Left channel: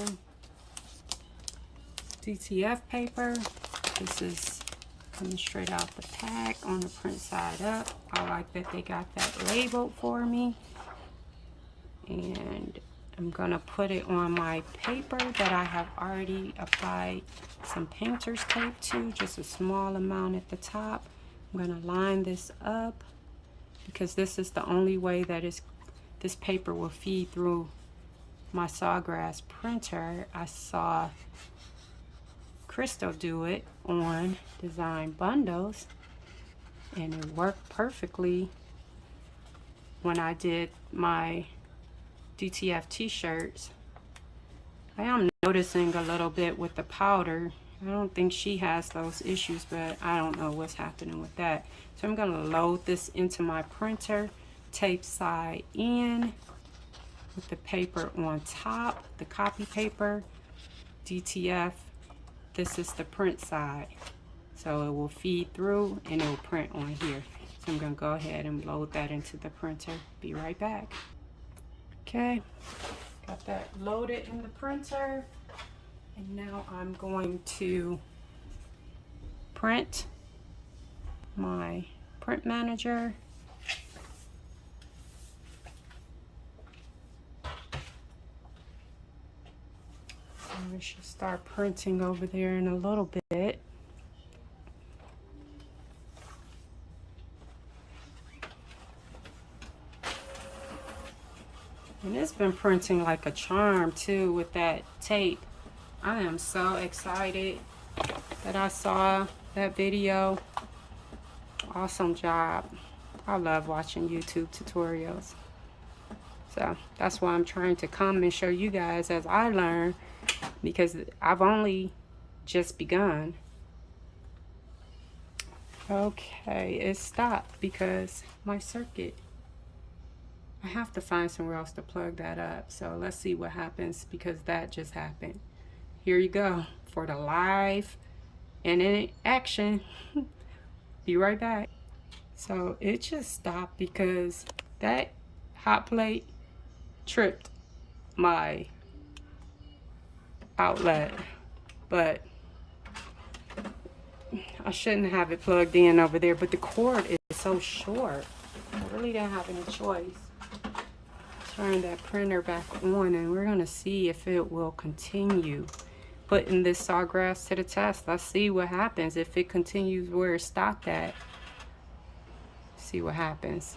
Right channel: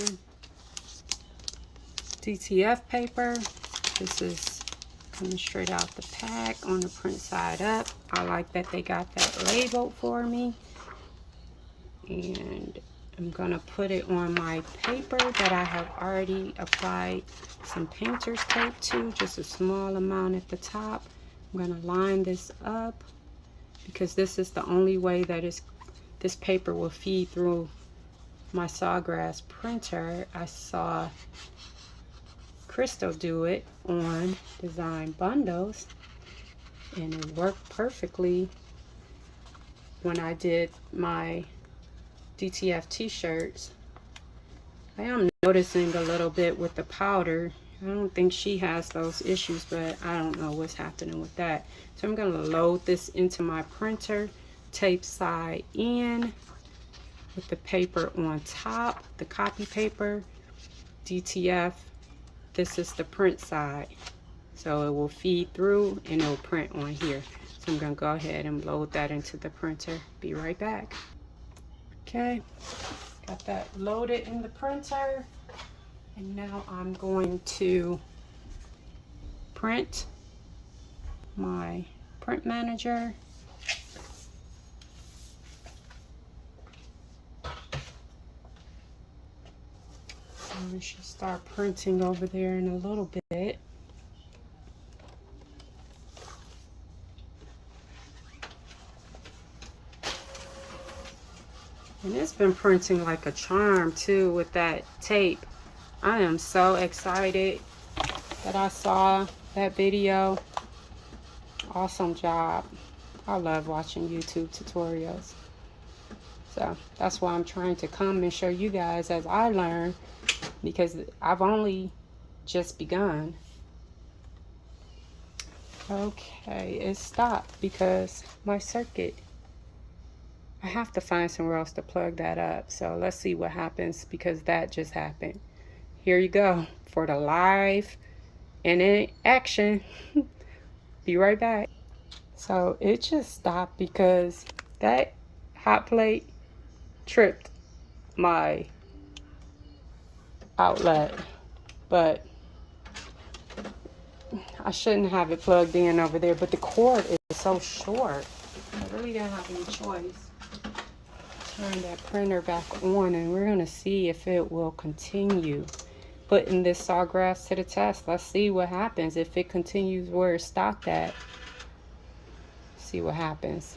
Yammation DTF paper. This is coming straight out the pack on the print side up. I like that they got that labeled for me. And I'm gonna put it on my paper that I have already applied some painter's tape to, just a small amount at the top. I'm gonna line this up because this is the only way that this paper will feed through my sawgrass printer. I saw Crystal do it on Design Bundles, and it worked perfectly when I did my DTF t-shirts. I am noticing a little bit with the powder. I don't think she has those issues, but I don't know what's happening with that. So I'm going to load this into my printer, tape side in with the paper on top, the copy paper, DTF. This is the print side. So it will feed through and it will print on here. So I'm going to go ahead and load that into the printer. Be right back. Okay, got that loaded in the printer, and now I'm going to print my print manager. And we should start printing over there in a little bit. And it's been printing like a charm too with that tape. I am so excited that I saw that video. Awesome job. I love watching YouTube tutorials. So that's why I'm trying to come and show you guys as I learn, because I've only just begun. Okay, it stopped because my circuit, I have to find somewhere else to plug that up. So let's see what happens, because that just happened. Here you go for the live and in action. Be right back. So it just stopped because that hot plate tripped my outlet, but I shouldn't have it plugged in over there, but the cord is so short. I really didn't have any choice. Turn that printer back on, and we're gonna see if it will continue putting this sawgrass to the test. Let's see what happens if it continues where it stopped at. See what happens.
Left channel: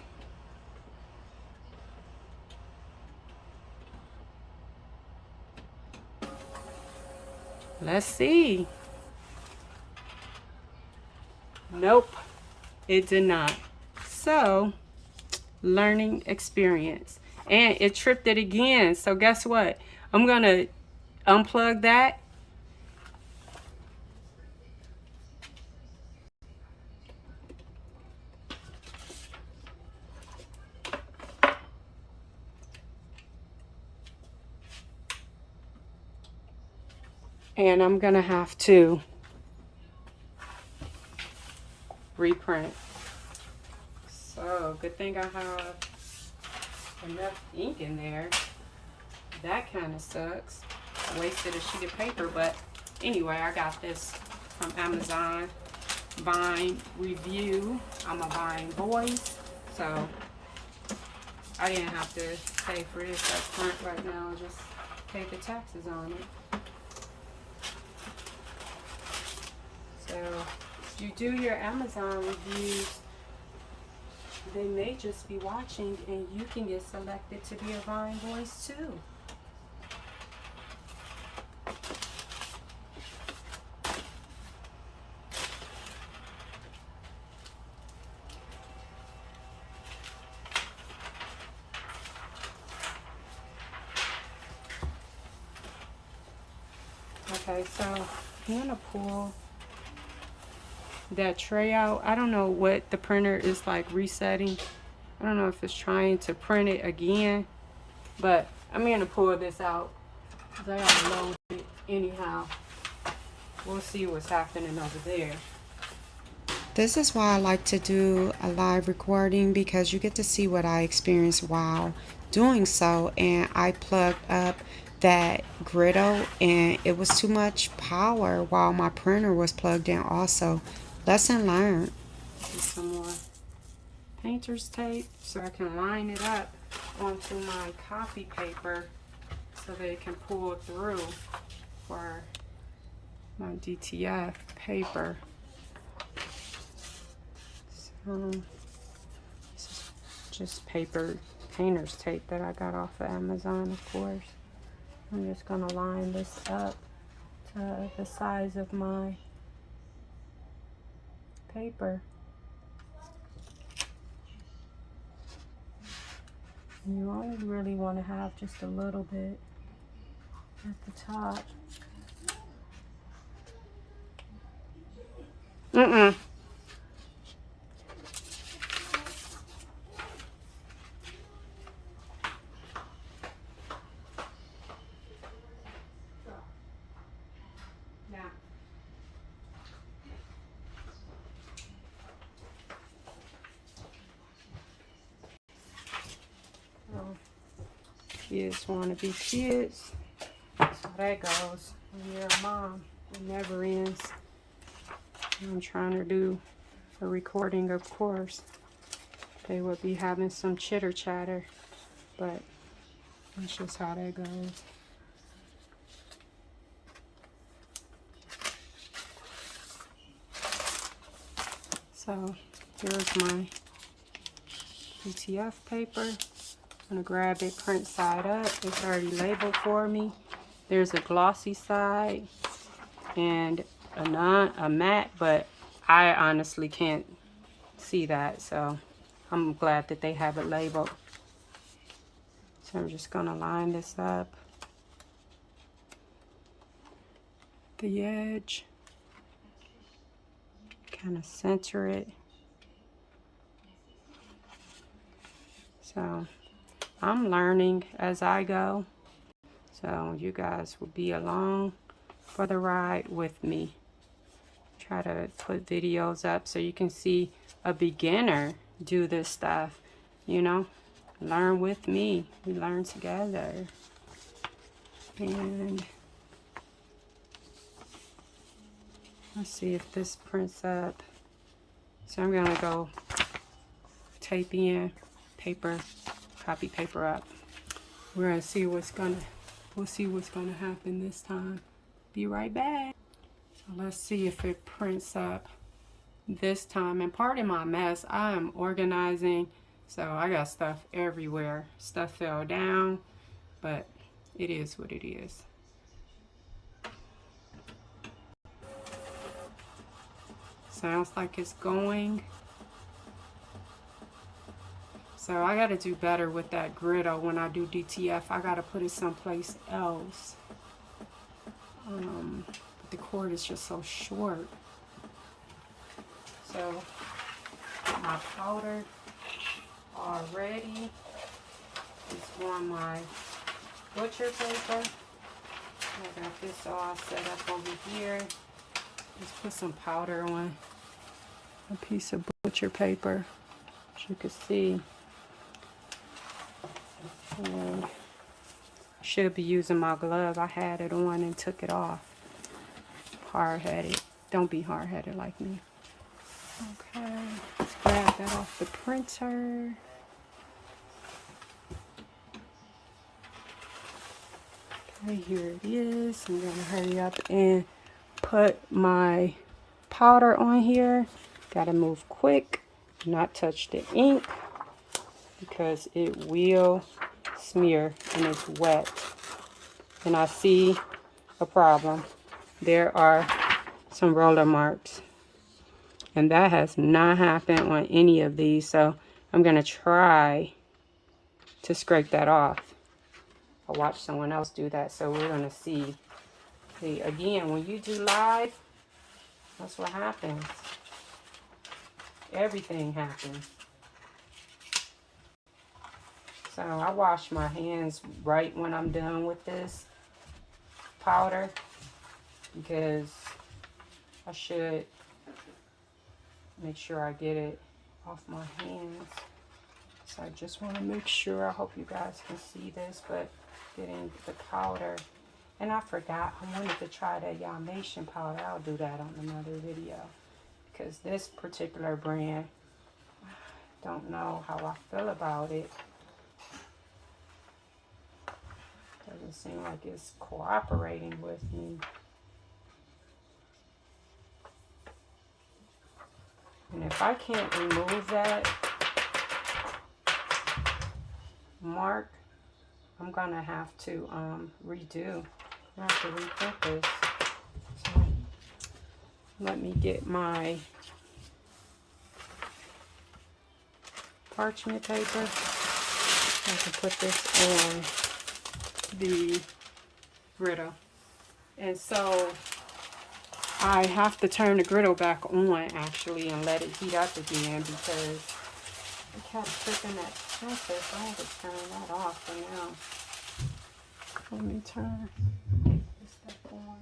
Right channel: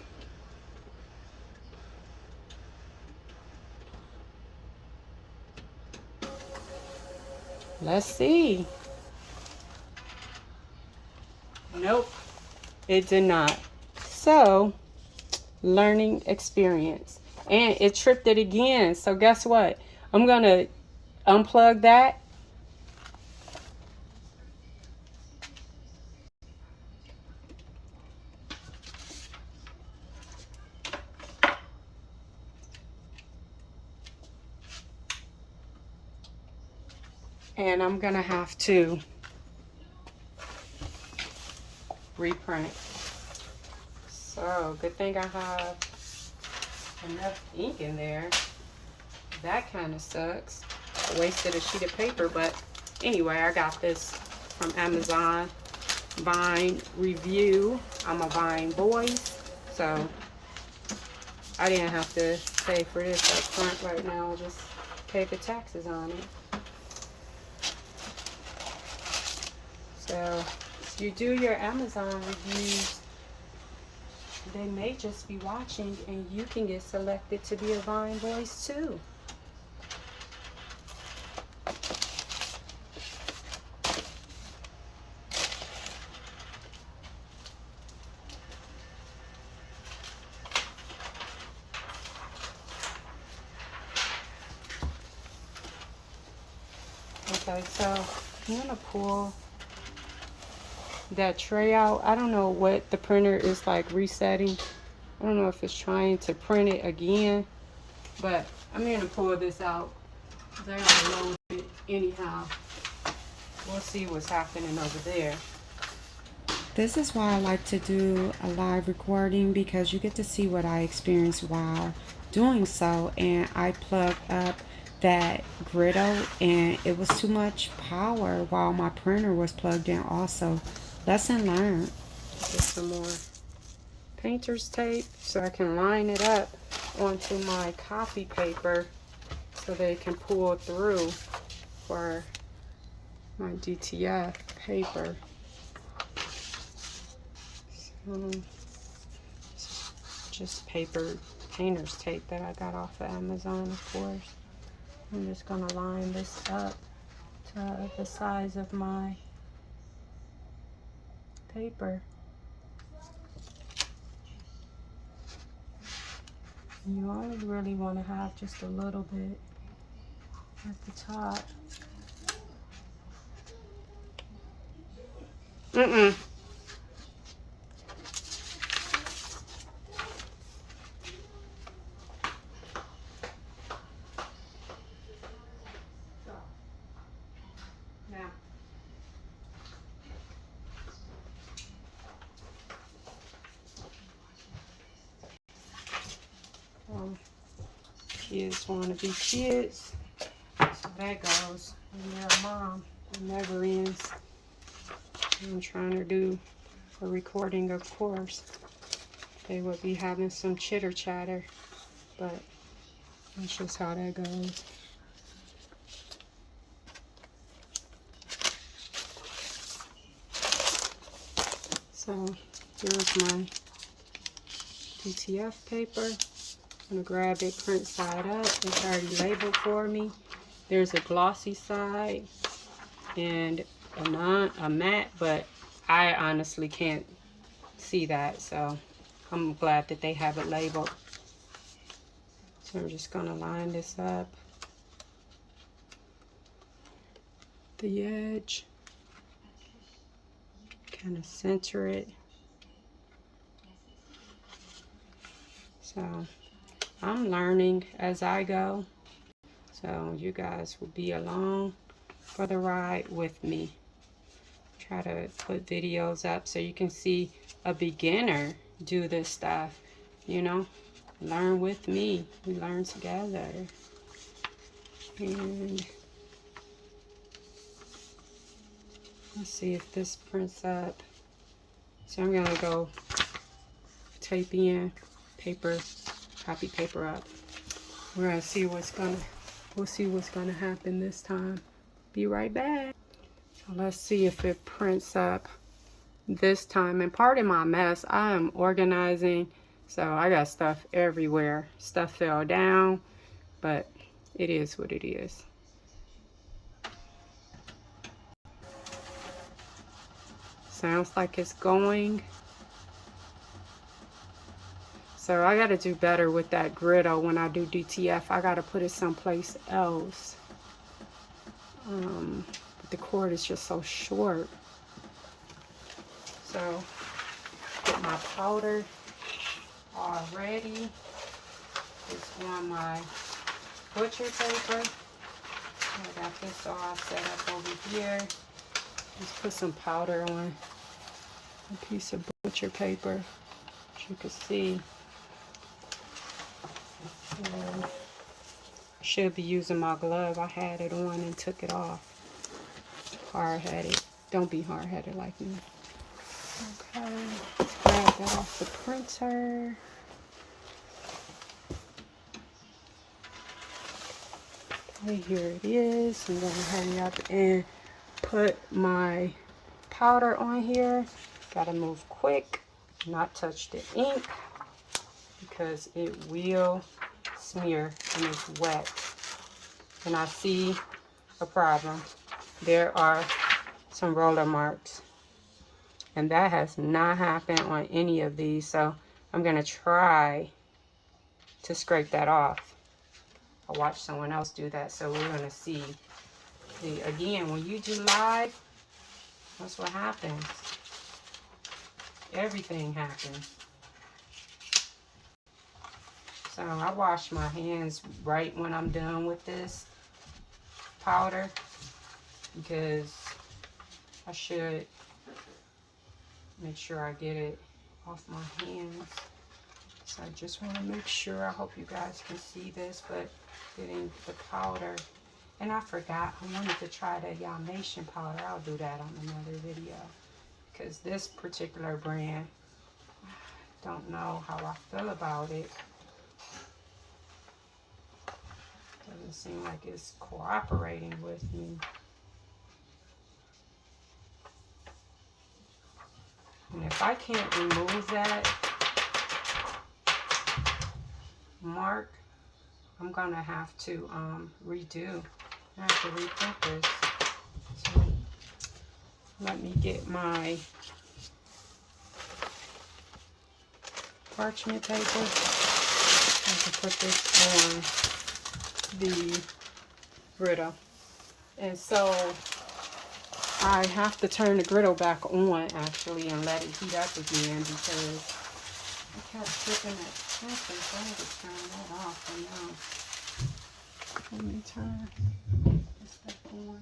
Let's see. Nope, it did not. So, learning experience. And it tripped it again. So guess what? I'm gonna unplug that. And I'm gonna have to reprint. So good thing I have enough ink in there. That kind of sucks. I wasted a sheet of paper, but anyway, I got this from Amazon. Vine review. I'm a Vine voice, so I didn't have to pay for this up front right now. Just pay the taxes on it. So if you do your Amazon reviews, they may just be watching and you can get selected to be a Vine voice too. Okay, so I'm gonna pull that tray out. I don't know what the printer is like resetting. I don't know if it's trying to print it again, but I'm gonna pull this out. I gotta load it anyhow. We'll see what's happening over there. This is why I like to do a live recording, because you get to see what I experienced while doing so. And I plugged up that Griddle, and it was too much power while my printer was plugged in also. Lesson learned. Get some more painter's tape so I can line it up onto my copy paper so that it can pull through for my DTF paper. So, just paper painter's tape that I got off of Amazon, of course. I'm just going to line this up to the size of my paper. You only really want to have just a little bit at the top. Kids want to be kids. So that goes. And you're a mom. It never ends. I'm trying to do a recording, of course. They would be having some chitter chatter, but that's just how that goes. So here's my DTF paper. I'm gonna grab it, print side up. It's already labeled for me. There's a glossy side and a matte, but I honestly can't see that, so I'm glad that they have it labeled. So I'm just gonna line this up, the edge, kind of center it. So I'm learning as I go, so you guys will be along for the ride with me. Try to put videos up so you can see a beginner do this stuff, you know. Learn with me. We learn together. And let's see if this prints up. So I'm gonna go tape in paper, copy paper up. We're gonna see we'll see what's gonna happen this time. Be right back. So let's see if it prints up this time. And pardon my mess, I am organizing, so I got stuff everywhere. Stuff fell down, but it is what it is. Sounds like it's going. So I got to do better with that Griddle when I do DTF. I got to put it someplace else. But the cord is just so short. So get my powder all ready. It's on my butcher paper. I got this all set up over here. Just put some powder on a piece of butcher paper, as you can see. And should be using my glove. I had it on and took it off. Hard-headed. Don't be hard-headed like me. Okay, let's grab that off the printer. Okay, here it is. I'm gonna hurry up and put my powder on here. Gotta move quick, not touch the ink because it will smear and it's wet. And I see a problem. There are some roller marks, and that has not happened on any of these, so I'm gonna try to scrape that off. I'll watch someone else do that, so we're gonna see. See, again, when you do live, that's what happens. Everything happens. So I wash my hands right when I'm done with this powder, because I should make sure I get it off my hands. So I just want to make sure. I hope you guys can see this, but getting the powder. And I forgot, I wanted to try the Yammation powder. I'll do that on another video. Because this particular brand, I don't know how I feel about it. Doesn't seem like it's cooperating with me. And if I can't remove that mark, I'm gonna have to redo. I have to reprint this. So let me get my parchment paper. I can put this on the griddle. And so I have to turn the griddle back on actually and let it heat up again because it kept tripping that sensor, so I had to turn that off for now. Let me turn this back on.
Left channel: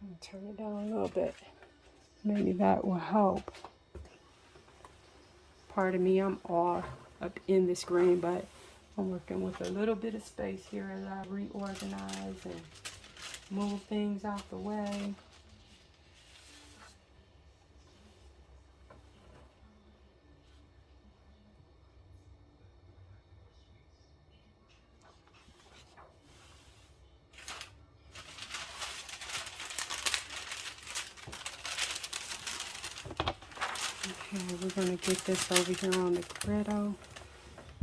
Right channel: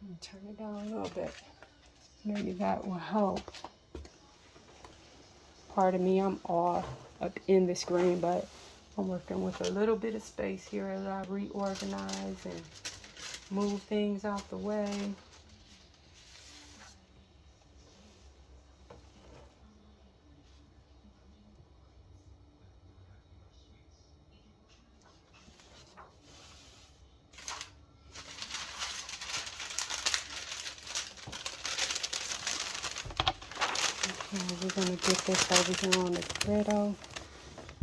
Let me turn it down a little bit. Maybe that will help. Pardon me, I'm all up in the screen, but I'm working with a little bit of space here as I reorganize and move things out the way. Okay, we're going to get this over here on the griddle.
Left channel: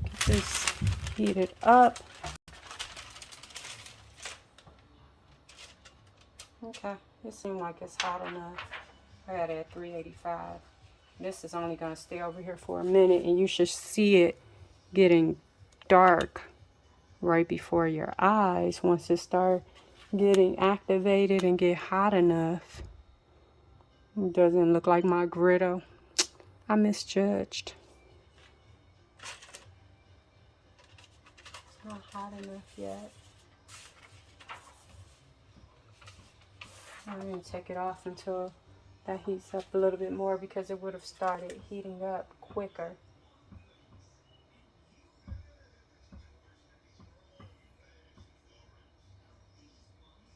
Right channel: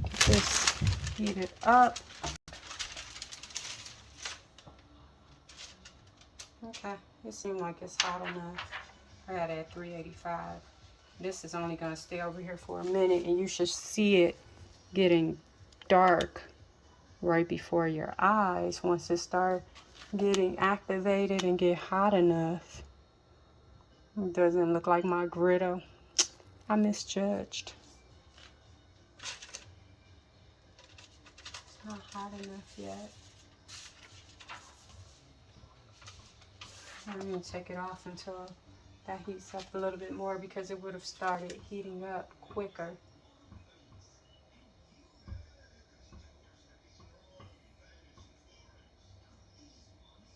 Get this heated up. Okay, it seems like it's hot enough. I got it at 385. This is only going to stay over here for a minute, and you should see it getting dark right before your eyes once it starts getting activated and get hot enough. It doesn't look like my griddle. I misjudged. It's not hot enough yet. I'm going to take it off until that heats up a little bit more because it would have started heating up quicker.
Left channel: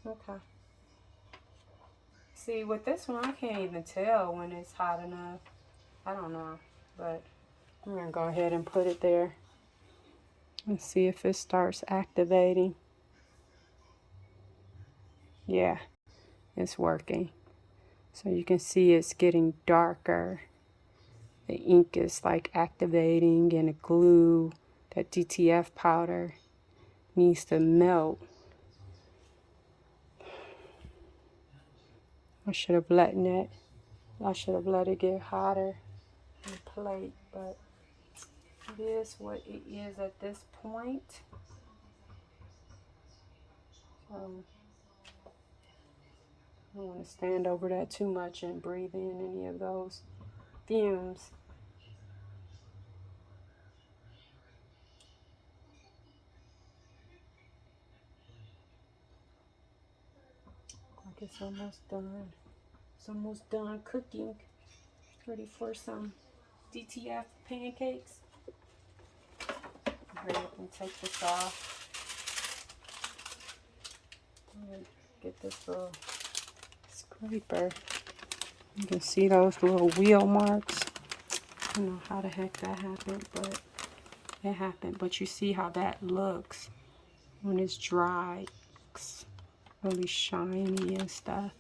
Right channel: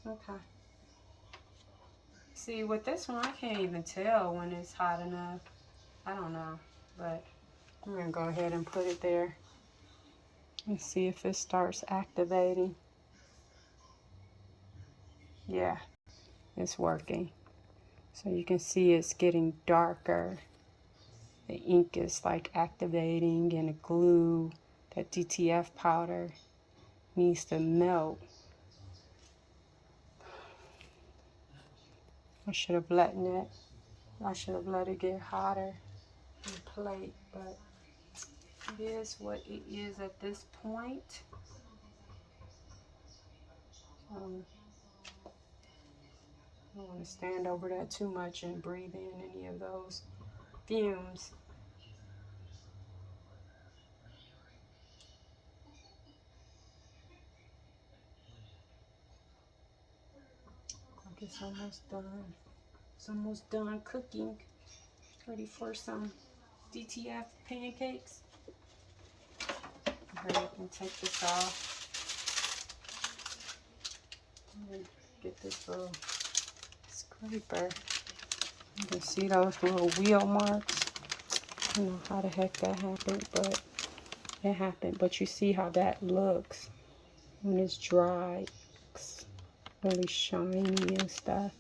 Okay. See, with this one, I can't even tell when it's hot enough. I don't know, but I'm going to go ahead and put it there. Let's see if it starts activating. Yeah, it's working. So you can see it's getting darker. The ink is like activating, and the glue, that DTF powder, needs to melt. I should have let it get hotter on the plate, but it is what it is at this point. So I don't want to stand over that too much and breathe in any of those fumes. Like it's almost done. It's almost done cooking. Ready for some DTF pancakes. Hurry up and take this off. And get this little scraper. You can see those little wheel marks. I don't know how the heck that happened, but it happened. But you see how that looks when it's dry. It's really shiny and stuff.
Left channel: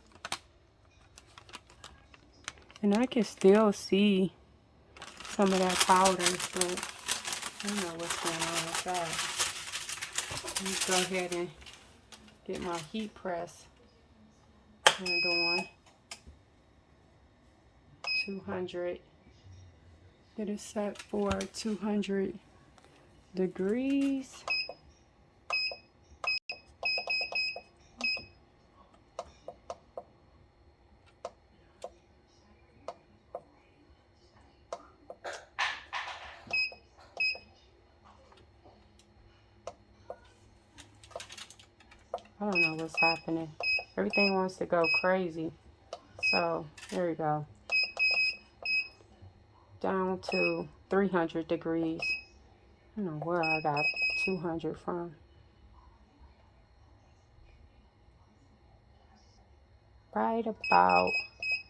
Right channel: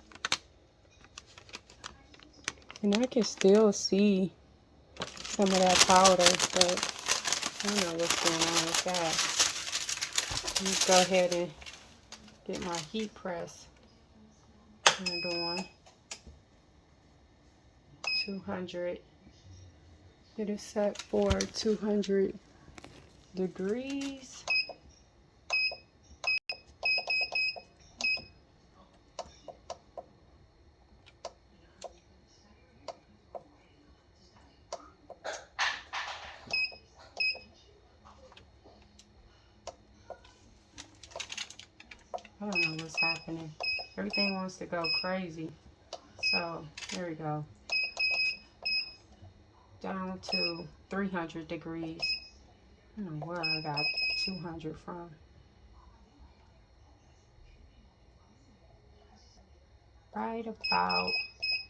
And I can still see some of that powder, but I don't know what's going on with that. Let me go ahead and get my heat press turned on. 200. Get it set for 200 degrees. I don't know what's happening. Everything wants to go crazy. So, there we go. down to 300 degrees. I don't know where I got 200 from. Right about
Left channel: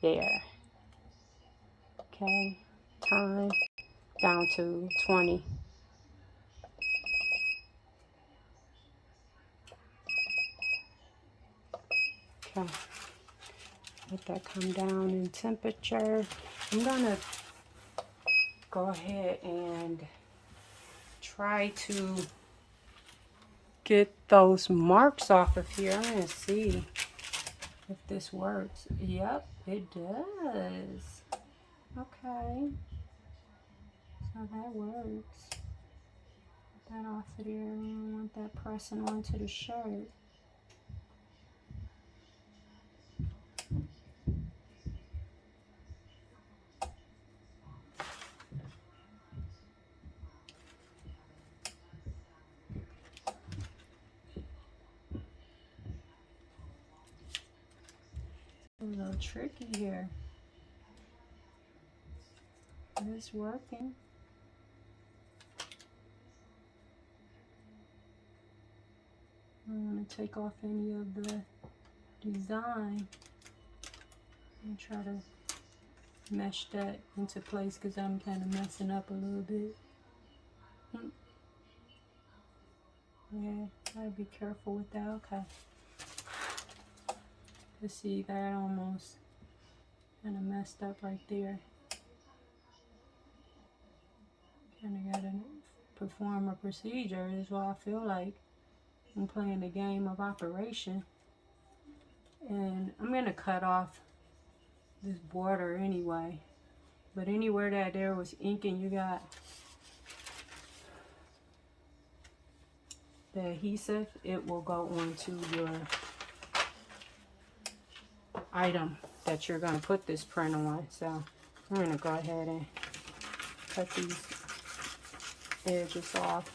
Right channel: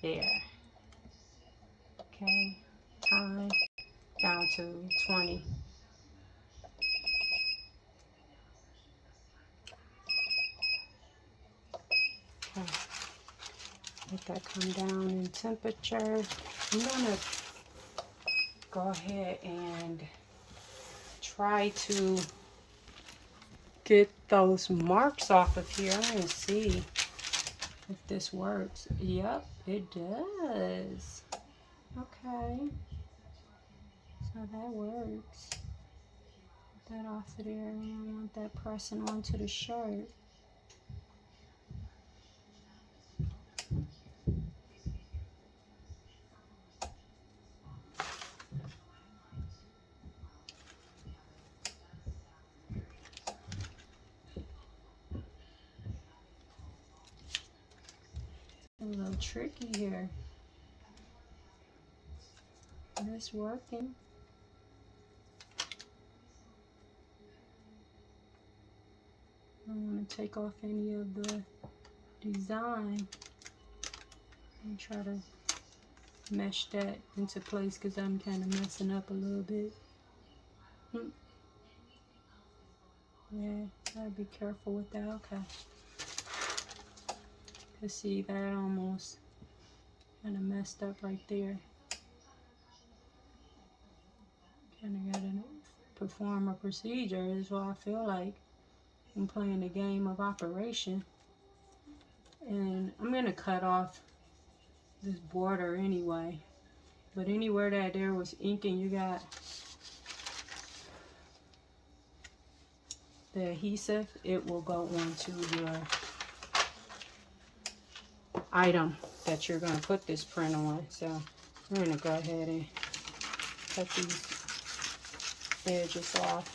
there. Okay, time down to 20. Okay, let that come down in temperature. I'm gonna go ahead and try to get those marks off of here. I'm gonna see if this works. Yep, it does. Okay, so that works. Get that off of there. We don't want that pressing onto the shirt. A little tricky here, but it's working. I don't want to take off any of the design and try to mesh that into place because I'm kind of messing up a little bit. Yeah, gotta be careful with that. Okay. You see that almost kind of messed up right there. Kind of gotta perform a procedure is what I feel like. I'm playing the game of operation. And I'm gonna cut off this border anyway. But anywhere that there was inking, you got the adhesive, it will go onto your item that you're gonna put this print on. So I'm gonna go ahead and cut these edges off.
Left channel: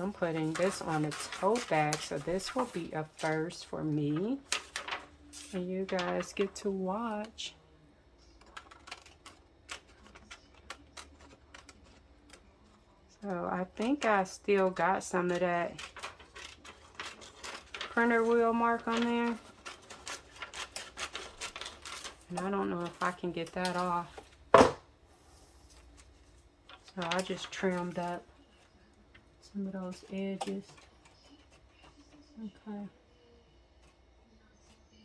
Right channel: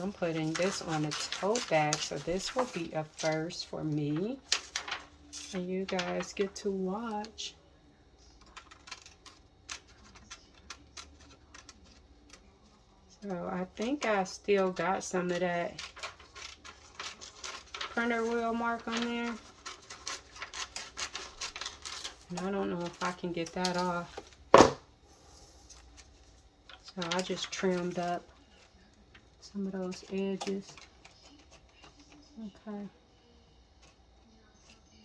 I'm putting this on a tote bag, so this will be a first for me. And you guys get to watch. So I think I still got some of that printer wheel mark on there. And I don't know if I can get that off. So I just trimmed up some of those edges. Okay.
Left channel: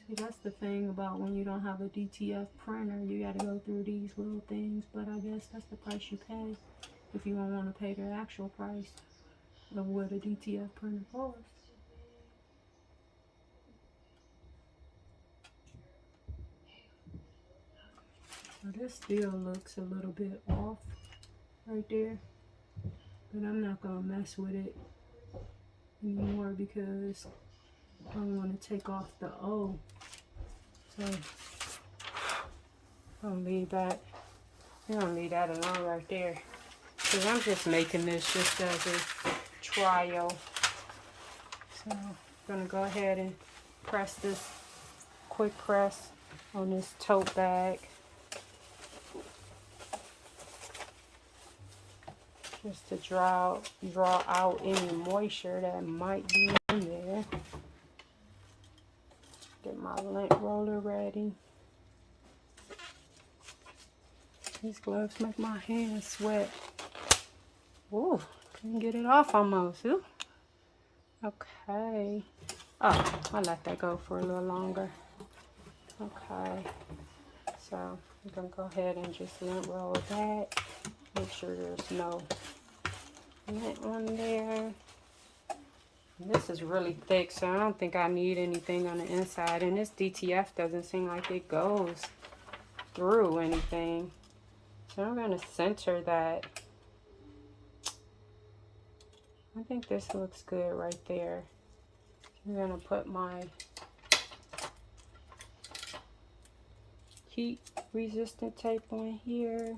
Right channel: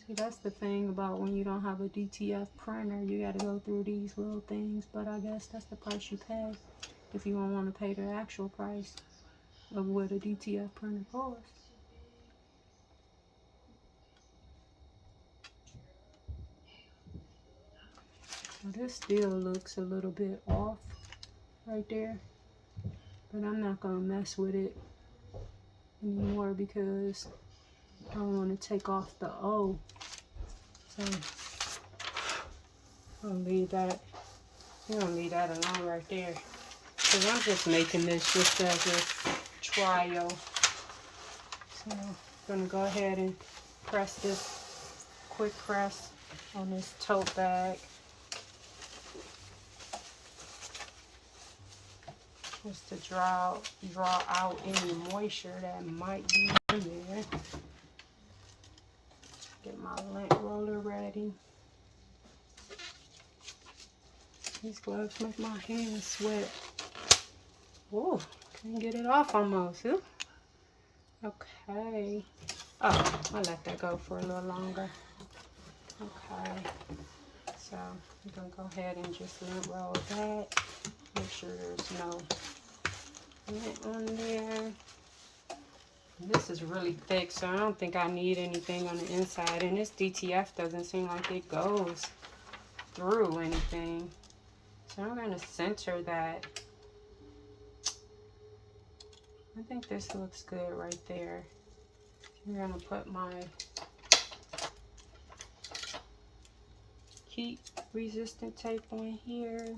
See, that's the thing about when you don't have a DTF printer. You got to go through these little things. But I guess that's the price you pay if you don't want to pay the actual price of what a DTF printer costs. So this still looks a little bit off right there. But I'm not going to mess with it anymore because I don't want to take off the O. So I'll leave that. I'm going to leave that alone right there. Because I'm just making this just as a trial. So I'm going to go ahead and press this, quick press on this tote bag. Just to draw out any moisture that might be in there. Get my lint roller ready. These gloves make my hands sweat. Ooh, couldn't get it off almost. Ooh. Okay. Oh, I'll let that go for a little longer. Okay. So I'm gonna go ahead and just lint roll that. Make sure there's no lint on there. And this is really thick, so I don't think I need anything on the inside. And this DTF doesn't seem like it goes through anything. So I'm going to center that. I think this looks good right there. I'm going to put my heat resistant tape on here.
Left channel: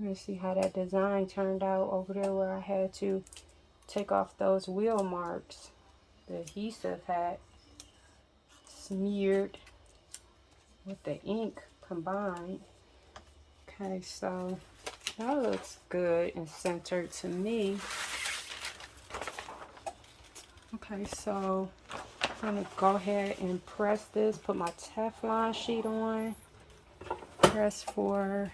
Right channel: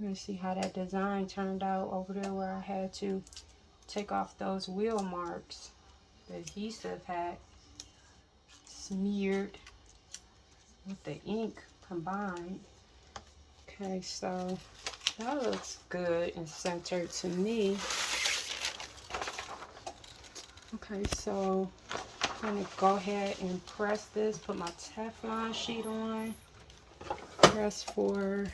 Let me see how that design turned out over there where I had to take off those wheel marks. The adhesive had smeared with the ink combined. Okay, so that looks good and centered to me. Okay, so I'm going to go ahead and press this, put my Teflon sheet on, press for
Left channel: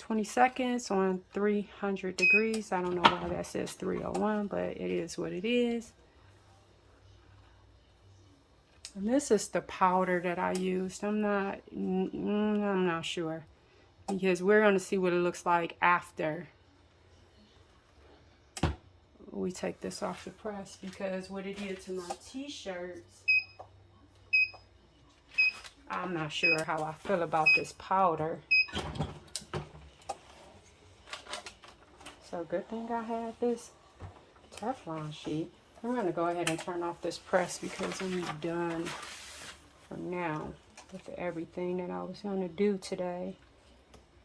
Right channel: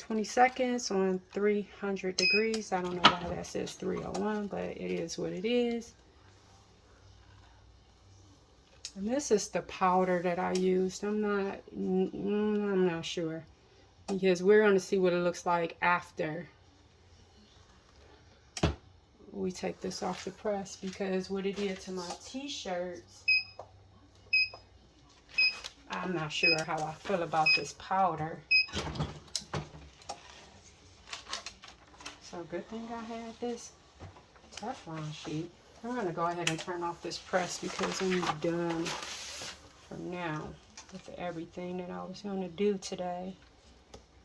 20 seconds on 300 degrees. I don't know why that says 301, but it is what it is. And this is the powder that I used. I'm not sure, because we're going to see what it looks like after we take this off the press, because what it did to my t-shirts, I'm not sure how I feel about this powder. So good thing I had this Teflon sheet. I'm going to go ahead and turn off this press because I'm done for now with everything that I was going to do today.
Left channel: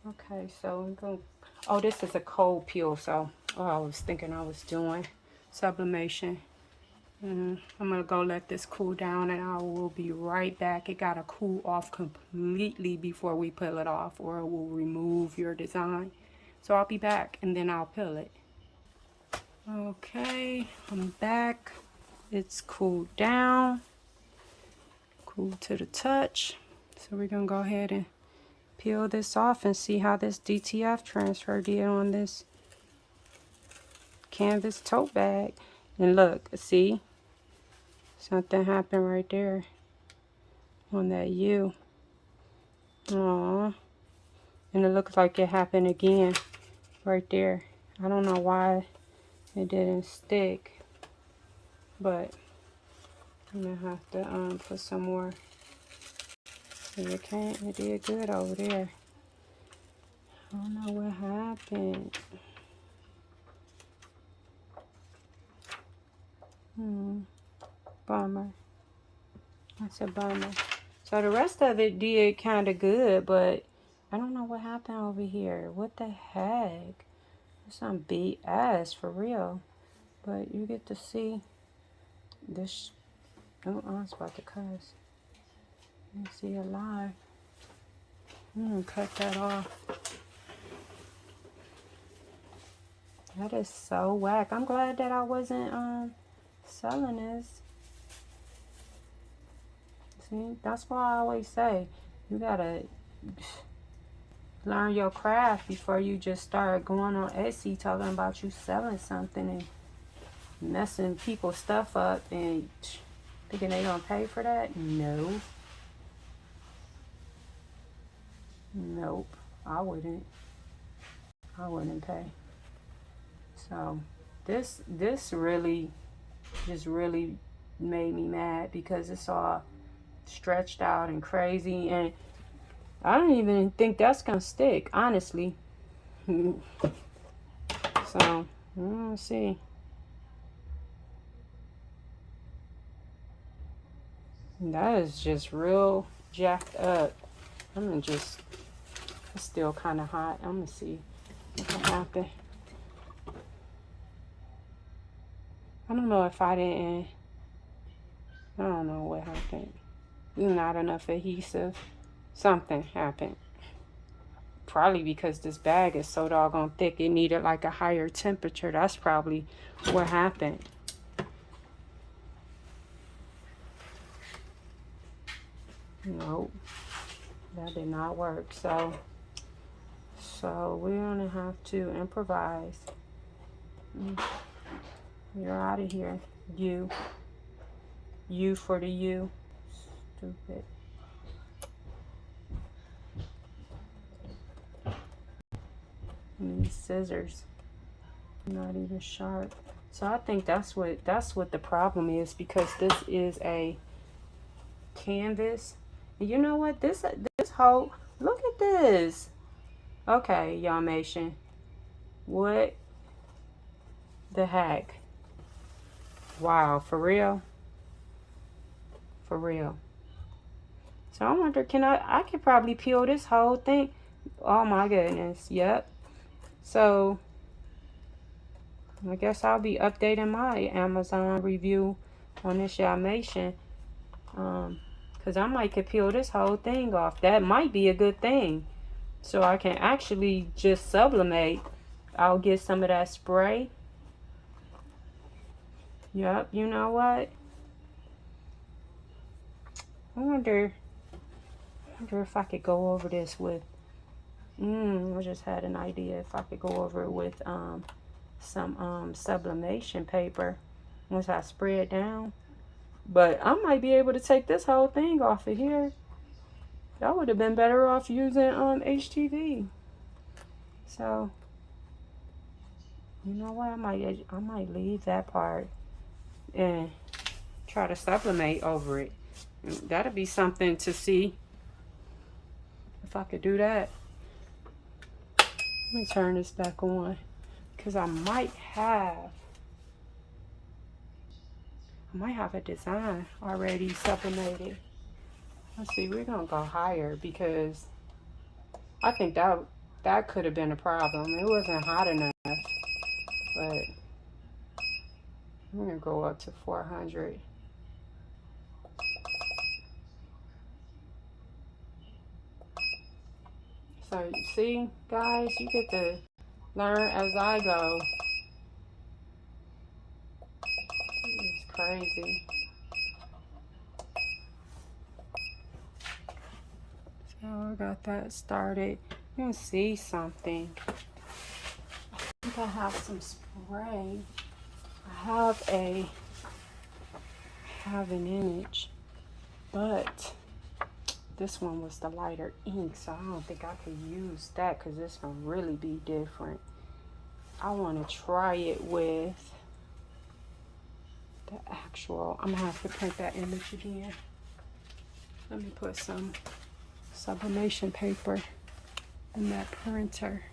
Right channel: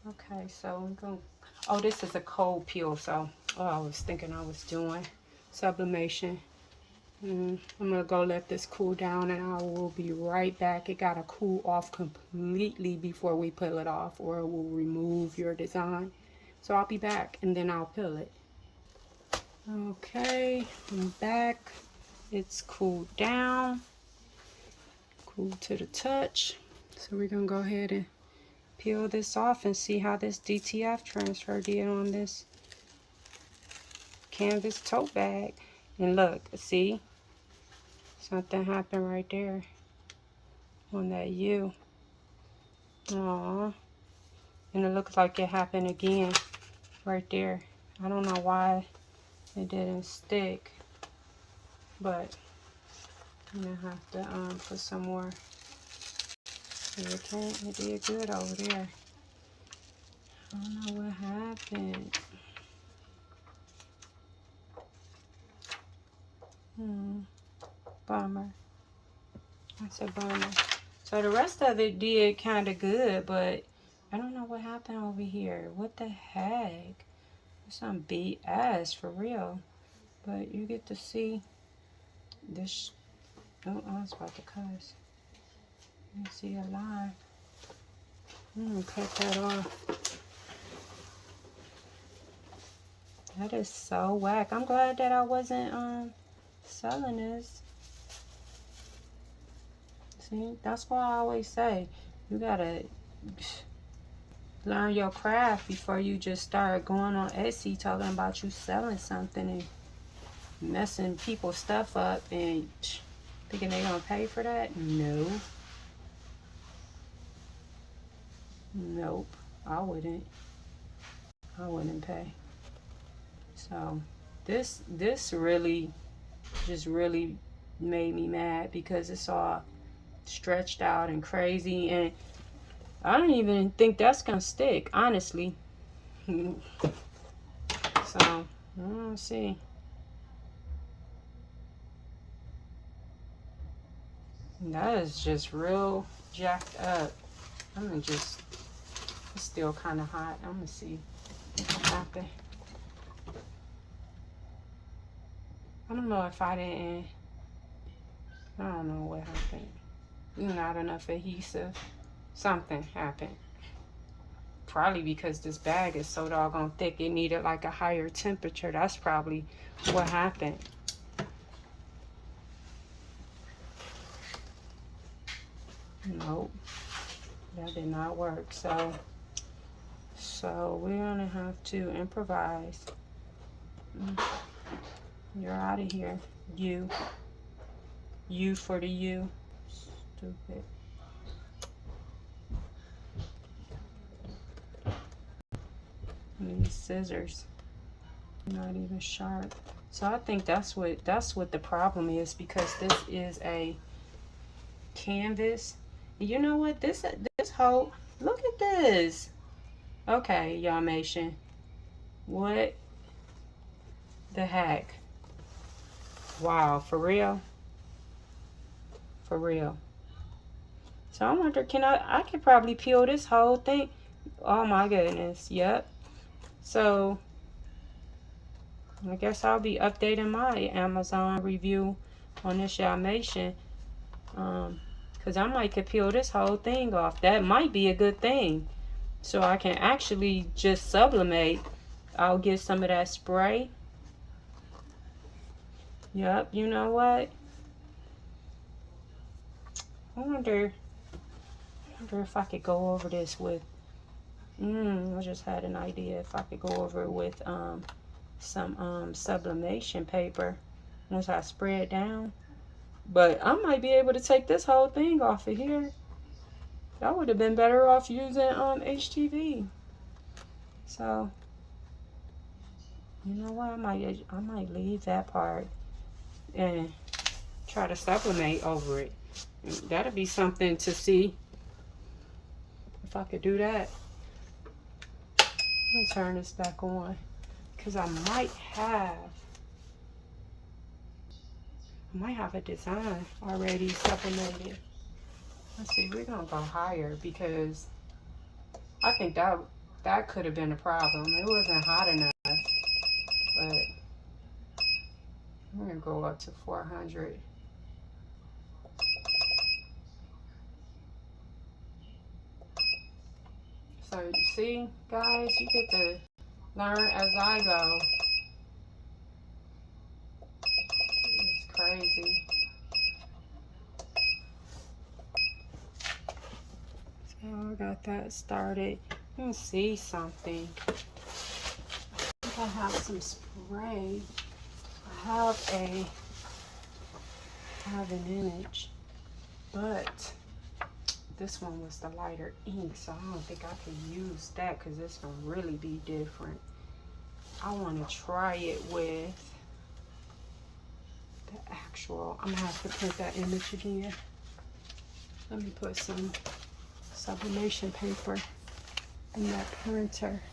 Okay, so I'm going to, oh, this is a cold peel, so I was thinking I was doing sublimation. I'm going to go let this cool down, and I will be right back. It got to cool off completely before we peel it off, or it will remove your design. So I'll be back, and then I'll peel it. Okay, I'm back. It's cooled down, cool to the touch. So we're going to go ahead and peel this off and see how this DTF transfer did on this canvas tote bag. And look, see? Something happened right there on that U. Aww. And it looks like it happened again right there. I don't know why it didn't stick, but I'm gonna have to put some more. It did good over there. I don't know what happened. Bummer. That's a bummer. So the rest of it did kind of good, but I don't know what happened over here. What the heck? It's some BS for real. But you get to see this. Oh, I was about to cuss. You see it live. Cut that off. That is so whack. I'm glad that I wasn't selling this. See, that's why I always say you gotta learn your craft before you just start going on Etsy talking about you selling something and messing people's stuff up and thinking they gonna pay for that. No. Nope. I wouldn't pay. So this really just really made me mad because it's all stretched out and crazy, and I don't even think that's gonna stick, honestly. So let's see. That is just real jacked up. It's still kind of hot. I'm gonna see what happened. I don't know if I didn't. I don't know what happened. Not enough adhesive. Something happened. Probably because this bag is so doggone thick. It needed like a higher temperature. That's probably what happened. Nope. That did not work. So we're gonna have to improvise. You're out of here. You for the U. Stupid. These scissors not even sharp. So I think that's what the problem is, because this is a canvas. You know what? This whole, look at this. Okay, Yammation. What the heck? Wow, for real? For real. So I wonder, I could probably peel this whole thing. Oh my goodness. Yep. So I guess I'll be updating my Amazon review on this Yammation, because I might could peel this whole thing off. That might be a good thing. So I can actually just sublimate. I'll get some of that spray. Yep, you know what? I wonder if I could go over this with, I just had an idea if I could go over it with some sublimation paper once I spray it down. But I might be able to take this whole thing off of here. I would have been better off using HTV. So, you know what? I might leave that part and try to sublimate over it. That'd be something to see if I could do that. Let me turn this back on, because I might have a design already sublimated. Let's see, we're gonna go higher because I think that could have been a problem. It wasn't hot enough, but we're gonna go up to 400. So you see, guys, you get to learn as I go. It's crazy. So I got that started. You can see something. I think I have some spray. I have an image, but this one was the lighter ink, so I don't think I could use that because it's gonna really be different. I want to try it with the actual. I'm gonna have to print that image again. Let me put some sublimation paper in that printer.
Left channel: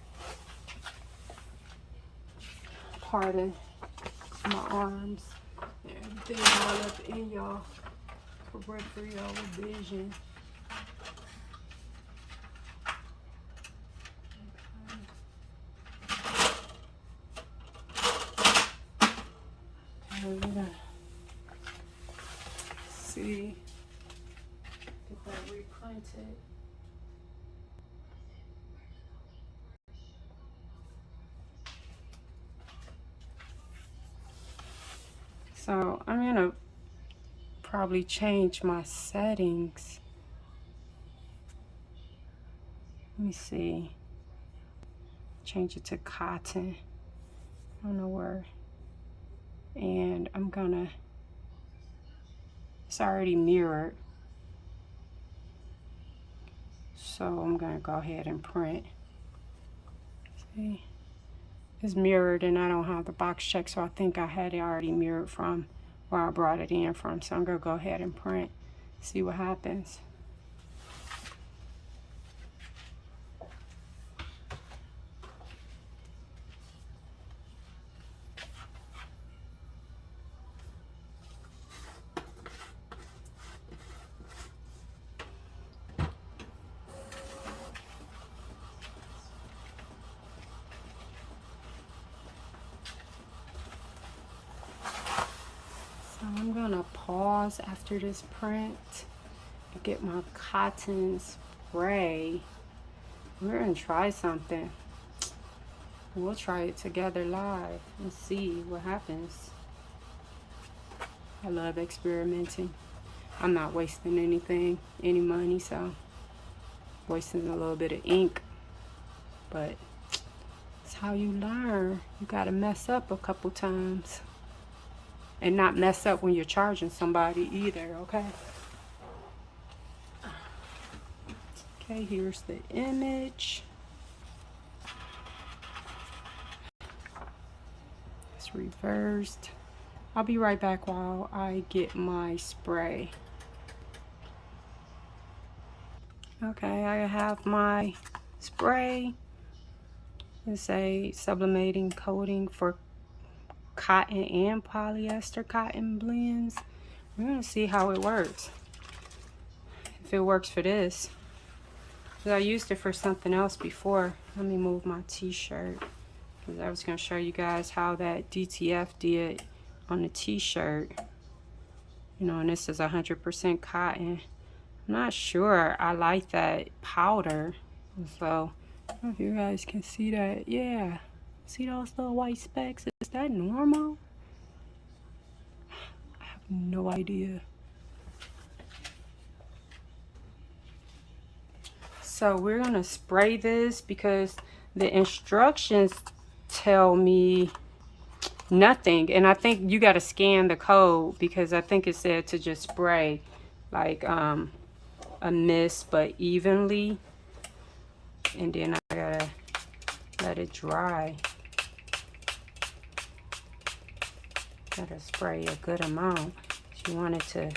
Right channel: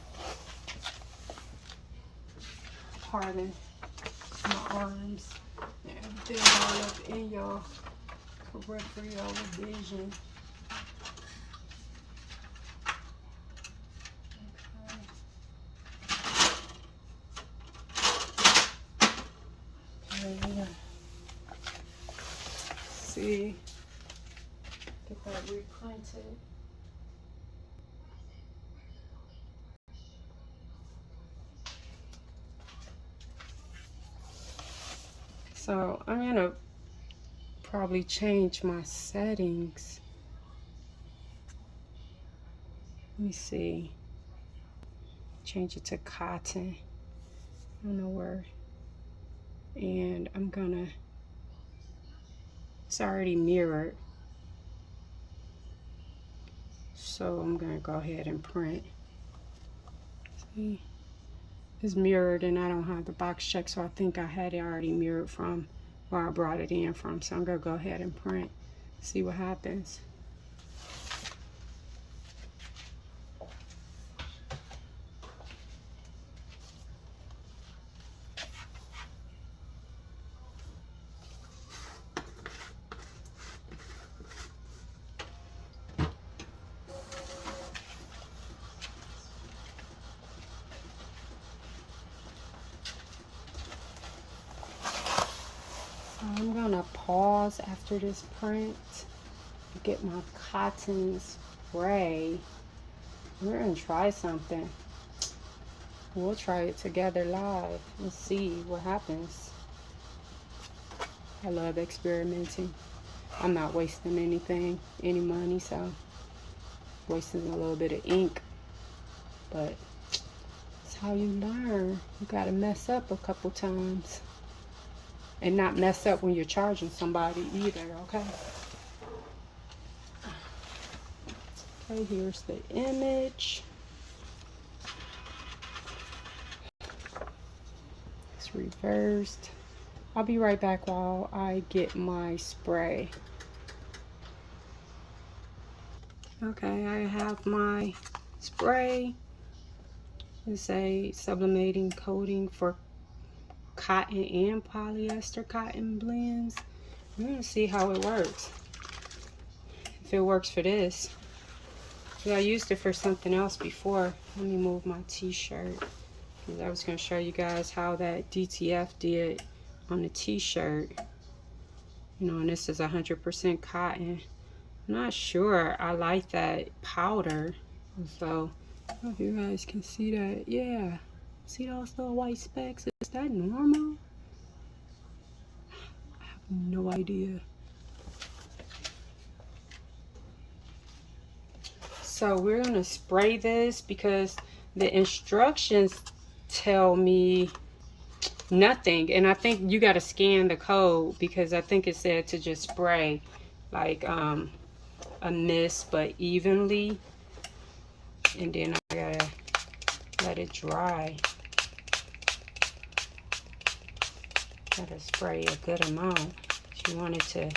Pardon my arms and everything all up in your peripheral vision. See, get that reprinted. So I'm gonna probably change my settings. Let me see. Change it to cotton. I don't know where. And I'm gonna, it's already mirrored. So I'm gonna go ahead and print. See, it's mirrored and I don't have the box check, so I think I had it already mirrored from where I brought it in from. So I'm gonna go ahead and print, see what happens. I'm gonna pause after this print, get my cotton spray. We're gonna try something. We'll try it together live and see what happens. I love experimenting. I'm not wasting any money, so wasting a little bit of ink, but it's how you learn. You gotta mess up a couple times. And not mess up when you're charging somebody either, okay? Okay, here's the image. It's reversed. I'll be right back while I get my spray. Okay, I have my spray. It's a sublimating coating for cotton and polyester cotton blends. I'm gonna see how it works, if it works for this, because I used it for something else before. Let me move my t-shirt, because I was going to show you guys how that DTF did on the t-shirt. You know, and this is 100% cotton. I'm not sure I like that powder. So, I don't know if you guys can see that. Yeah. See those little white specks? Is that normal? I have no idea. So we're gonna spray this because the instructions tell me nothing, and I think you got to scan the code because I think it said to just spray like a mist but evenly, and then I gotta let it dry. Gotta spray a good amount. You want it to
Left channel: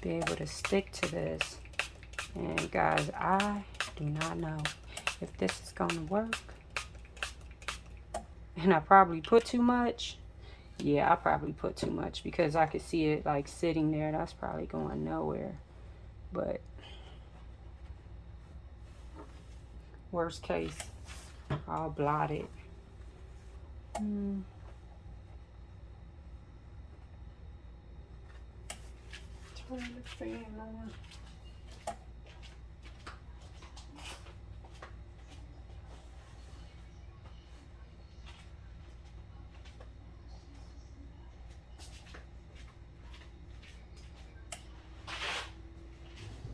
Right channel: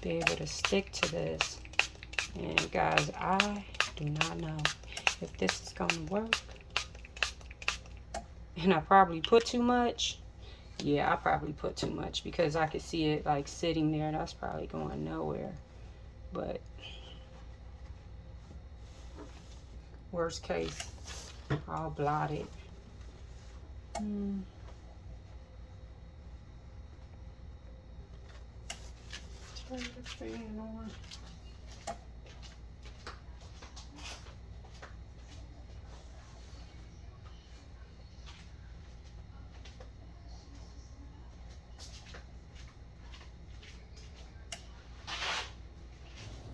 be able to stick to this. And guys, I do not know if this is gonna work. And I probably put too much. Yeah, I probably put too much because I could see it like sitting there. That's probably going nowhere. But worst case, I'll blot it. Turn the fan on.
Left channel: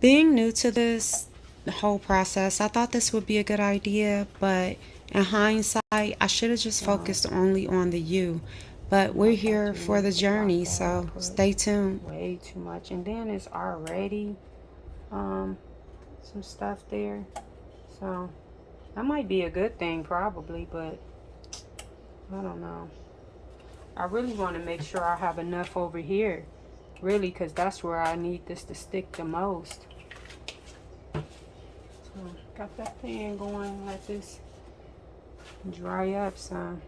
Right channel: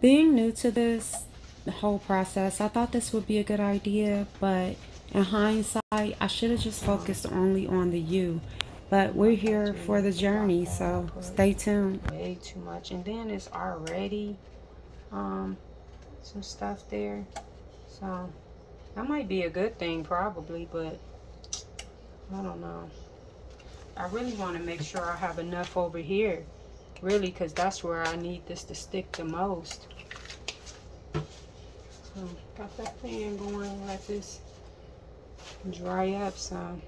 Being new to this whole process, I thought this would be a good idea, but in hindsight, I should have just focused only on the U. But we're here for the journey, so stay tuned. Way too much, and then it's already some stuff there, so that might be a good thing probably, but I don't know. I really want to make sure I have enough over here, really, because that's where I need this to stick the most. So got that fan going, let this dry up some.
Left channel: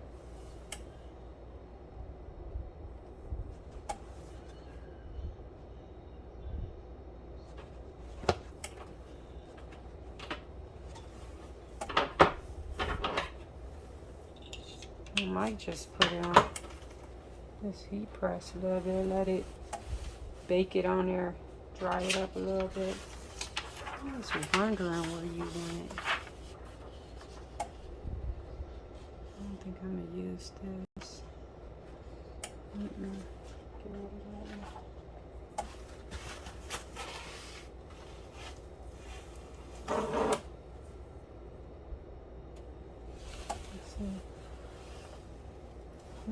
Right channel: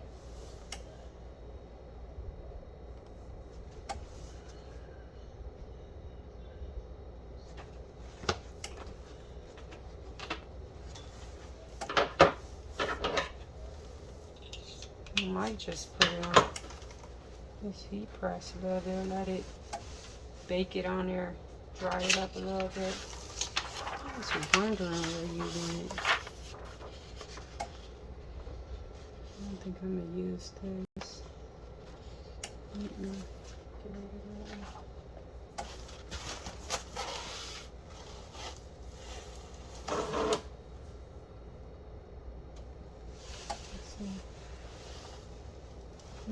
I might just put it on this heat press a little bit, let it bake it on there, dry it up a little bit. I was wondering where you went. I don't think I'm gonna use this. Get rid of that one.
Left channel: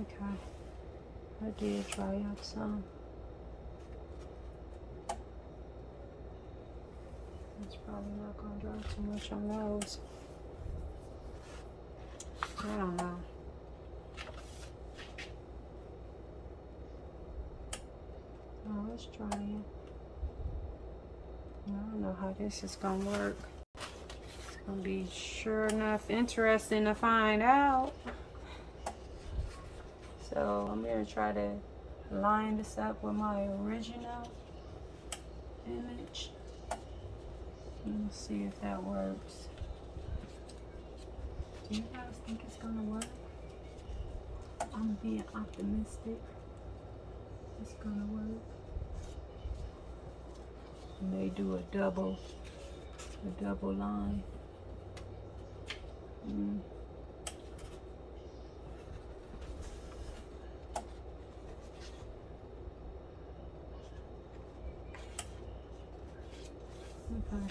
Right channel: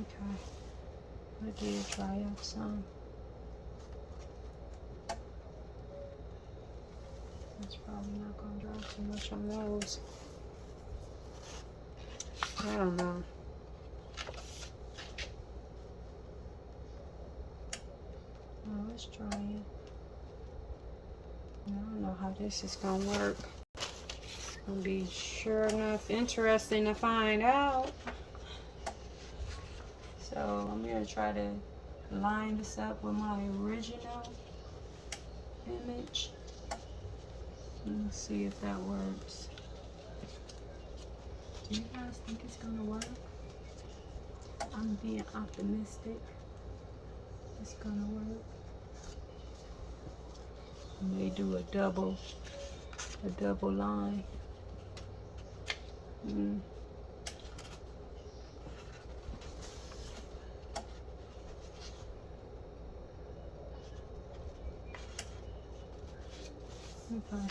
Okay, I did dry up some. It's probably not going to dry too much on those. I don't know. Oh, let's try it. I don't know how this is going to work. It's going to be sure enough interesting to find out. So I'm going to try to line this up with my original image. Let's see if that works. Do you guys think it's going to work? I'm being optimistic. It's going to work. I may do a double line. Okay.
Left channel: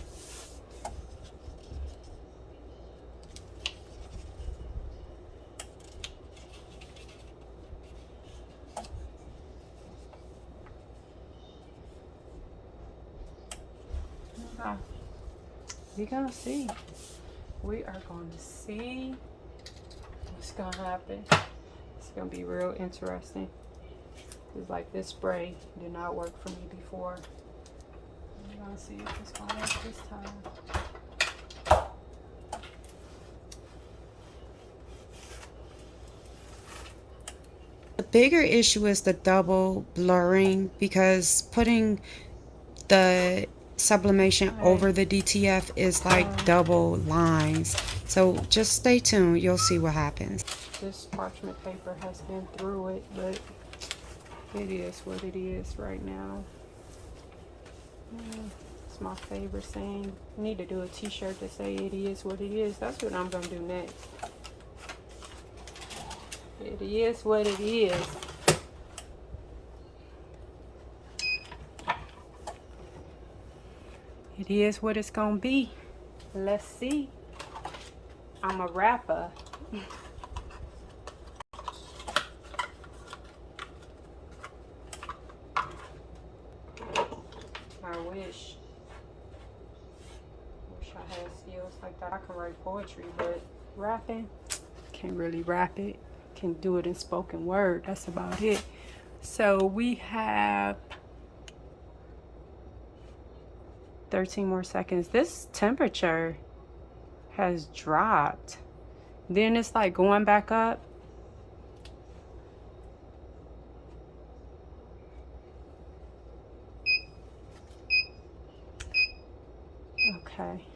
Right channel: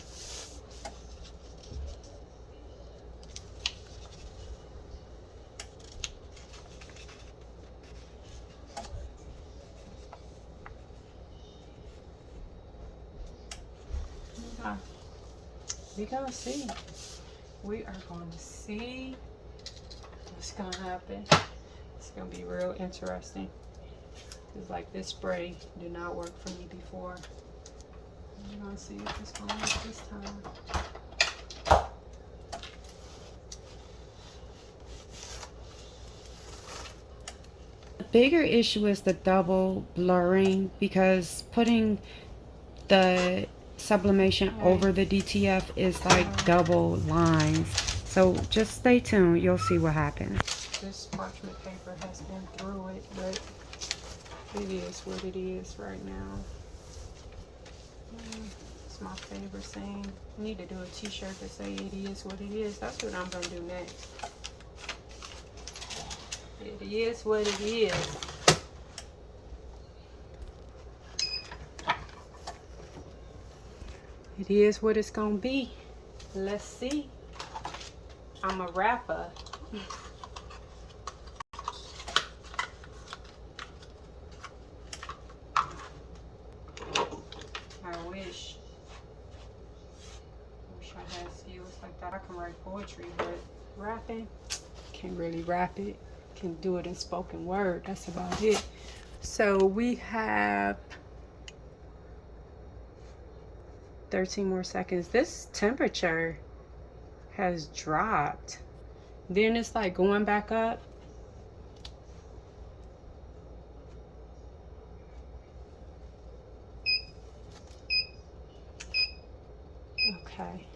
Okay. We're gonna see. We are going to see what's gonna happen. It's gonna be real interesting. It's like this spray did not work for me before. We're gonna see if it's gonna work this time. The bigger issue is the double blurring, because putting the sublimation over the DTF is like double lines. So just stay tuned, you'll see what happens. This parchment paper has been through it, but it is what it is right now. It's my favorite saying. I need to do a t-shirt to say it is what it is. That's what I'm gonna do next. It is what it is. It is what it's gonna be. Let's see. I'm a rapper. I wish I had skills like that. I can write poetry, but rapping, can't really rap it. Can do it in spoken word. That's about it. So we have 13 more seconds. This temperature has dropped. Then it's like going back up. Okay.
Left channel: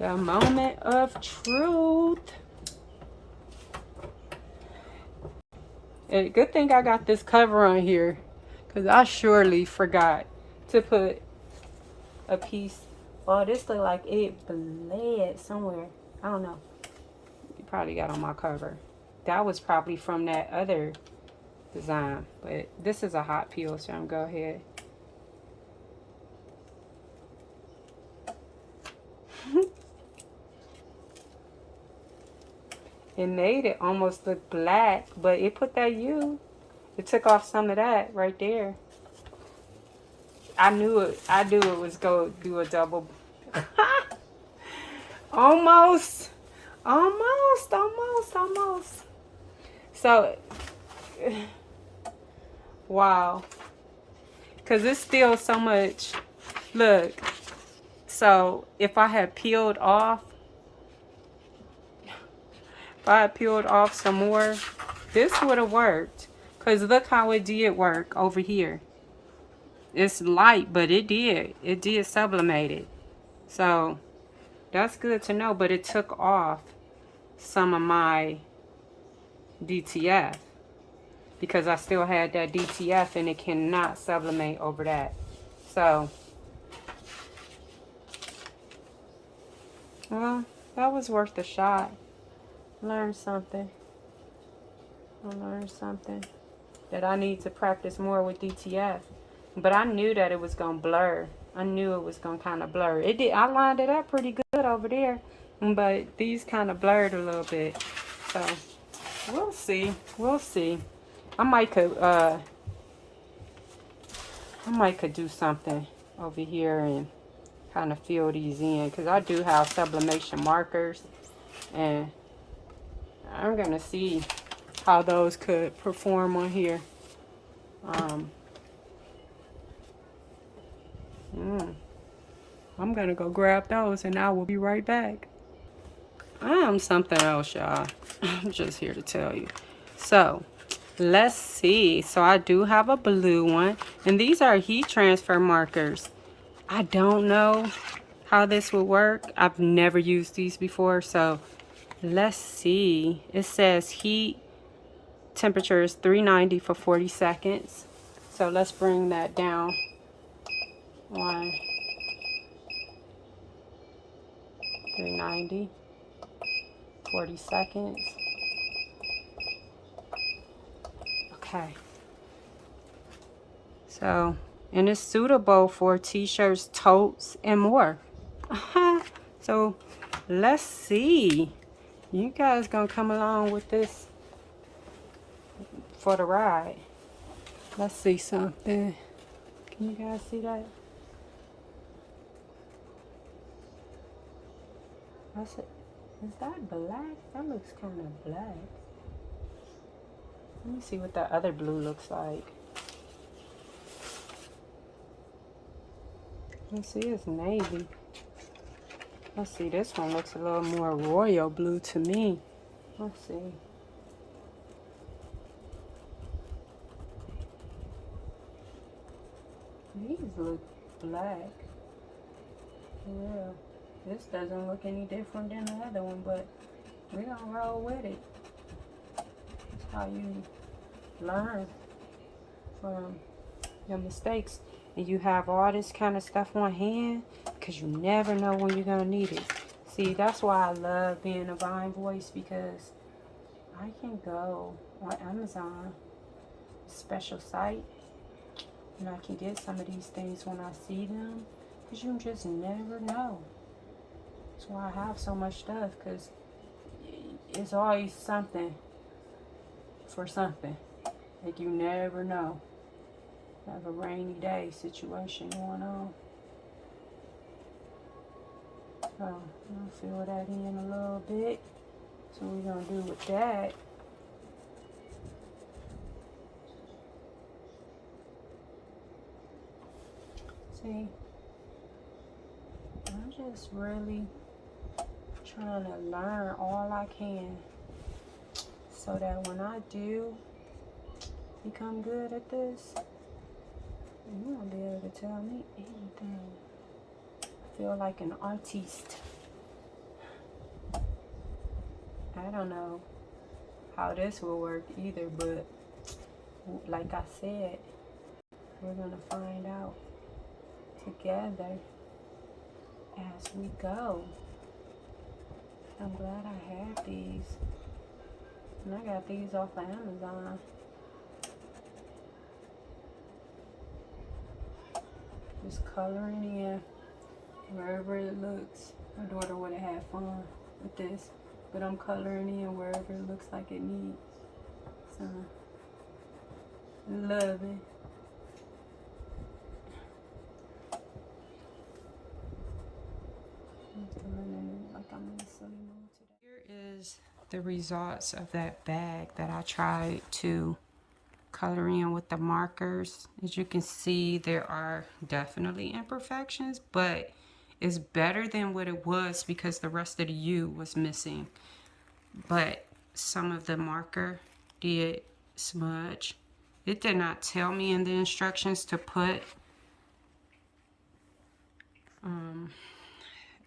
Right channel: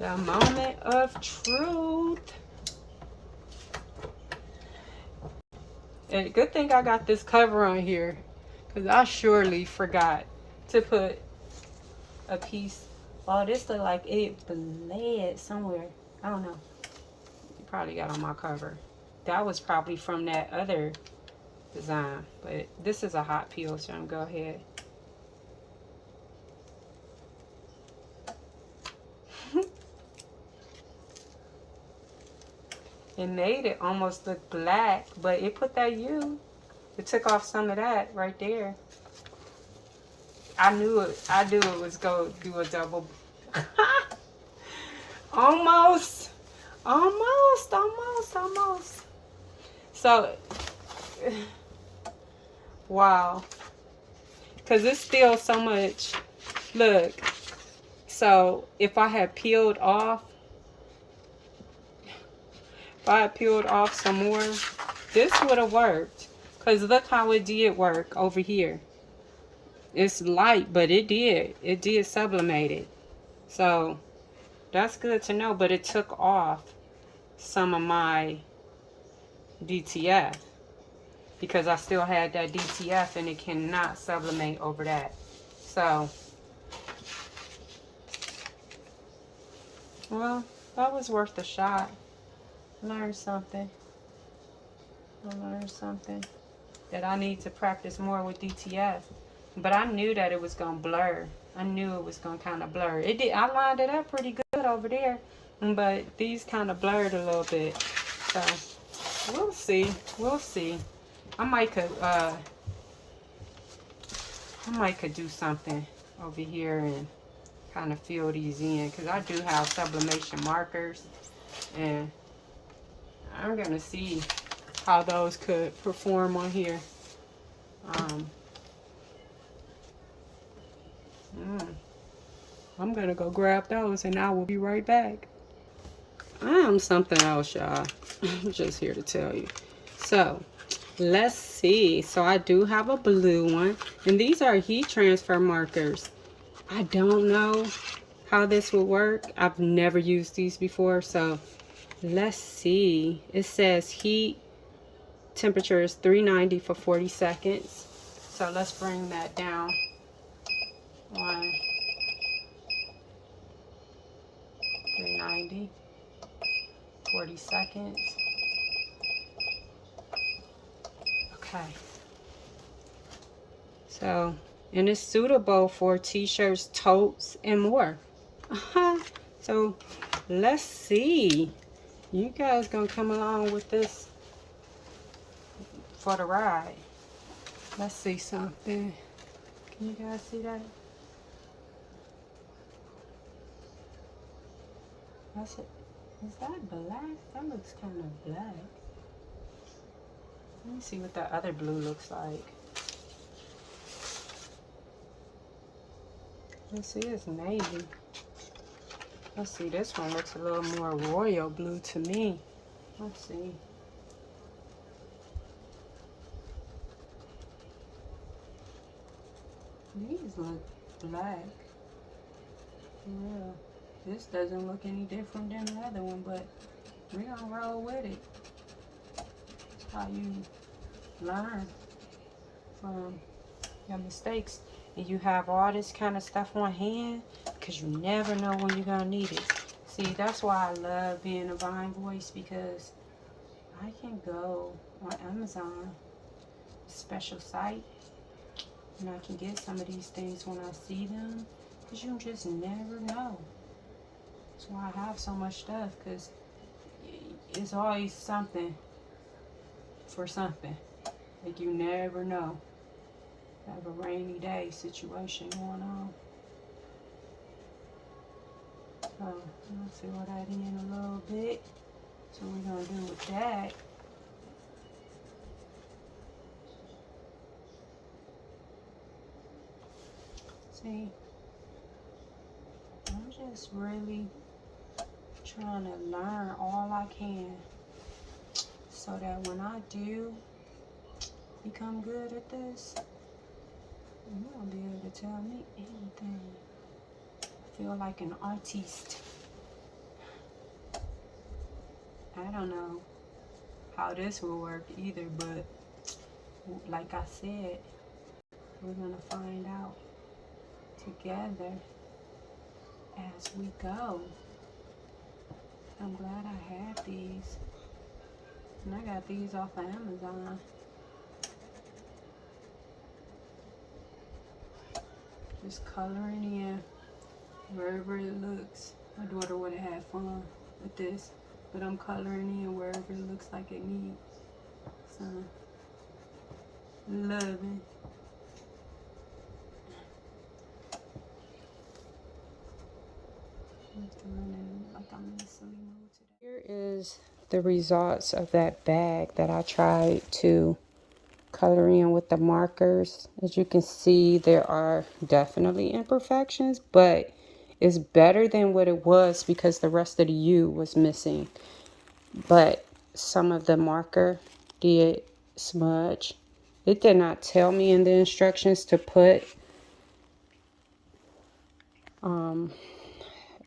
The moment of truth. And good thing I got this cover on here, because I surely forgot to put a piece. Oh, this look like it bled somewhere. I don't know. You probably got on my cover. That was probably from that other design. But this is a hot peel, so I'm going to go ahead. It made it almost look black, but it put that U. It took off some of that right there. I knew it. I knew it was going to do a double. Almost. So, wow. Because it's still so much. Look. So, if I had peeled off some more, this would have worked. Because look how it did work over here. It's light, but it did sublimate it. So that's good to know. But it took off some of my DTF, because I still had that DTF and it cannot sublimate over that. So, well, that was worth a shot. Learned something. I learned something that I need to practice more with DTF. But I knew that it was going to blur. I knew it was going to kind of blur. It did. I lined it up pretty good over there. But these kind of blurred a little bit. So, we'll see. We'll see. I might could do something over here and kind of fill these in. Because I do have sublimation markers. And I'm going to see how those could perform on here. I'm gonna go grab those and I will be right back. I am something else, y'all. I'm just here to tell you. So let's see. So I do have a blue one, and these are heat transfer markers. I don't know how this would work. I've never used these before, so let's see. It says heat temperature is 390 for 40 seconds. So let's bring that down. 390, 40 seconds. Okay. So, and it's suitable for t-shirts, totes, and more. So, let's see. You guys gonna come along with this for the ride. Let's see something. Can you guys see that? Is that black? That looks kind of black. Let me see what that other blue looks like. Let's see, it's navy. Let's see, this one looks a little more royal blue to me. Let's see. These look black. Yeah. This doesn't look any different than the other one, but we're gonna roll with it. That's how you learn from your mistakes. and you have all this kind of stuff on hand, because you never know when you're gonna need it. See, that's why I love being a Vine voice, because I can go on Amazon, a special site, and I can get some of these things when I see them, because you just never know. That's why I have so much stuff, because it's always something for something. Like, you never know. Have a rainy day situation going on. So I'm gonna fill that in a little bit. So what we're gonna do with that, see, I'm just really trying to learn all I can, so that when I do become good at this, you won't be able to tell me anything. I feel like an artiste. I don't know how this will work either, but like I said, we're gonna find out together as we go. I'm glad I had these, and I got these off of Amazon. Just coloring in wherever it looks. My daughter would have had fun with this, but I'm coloring in wherever it looks like it needs. So, love it. Here is the results of that bag that I tried to color in with the markers. As you can see, there are definitely imperfections, but it's better than what it was because the rest of the U was missing. But some of the marker did smudge. It did not tell me in the instructions to put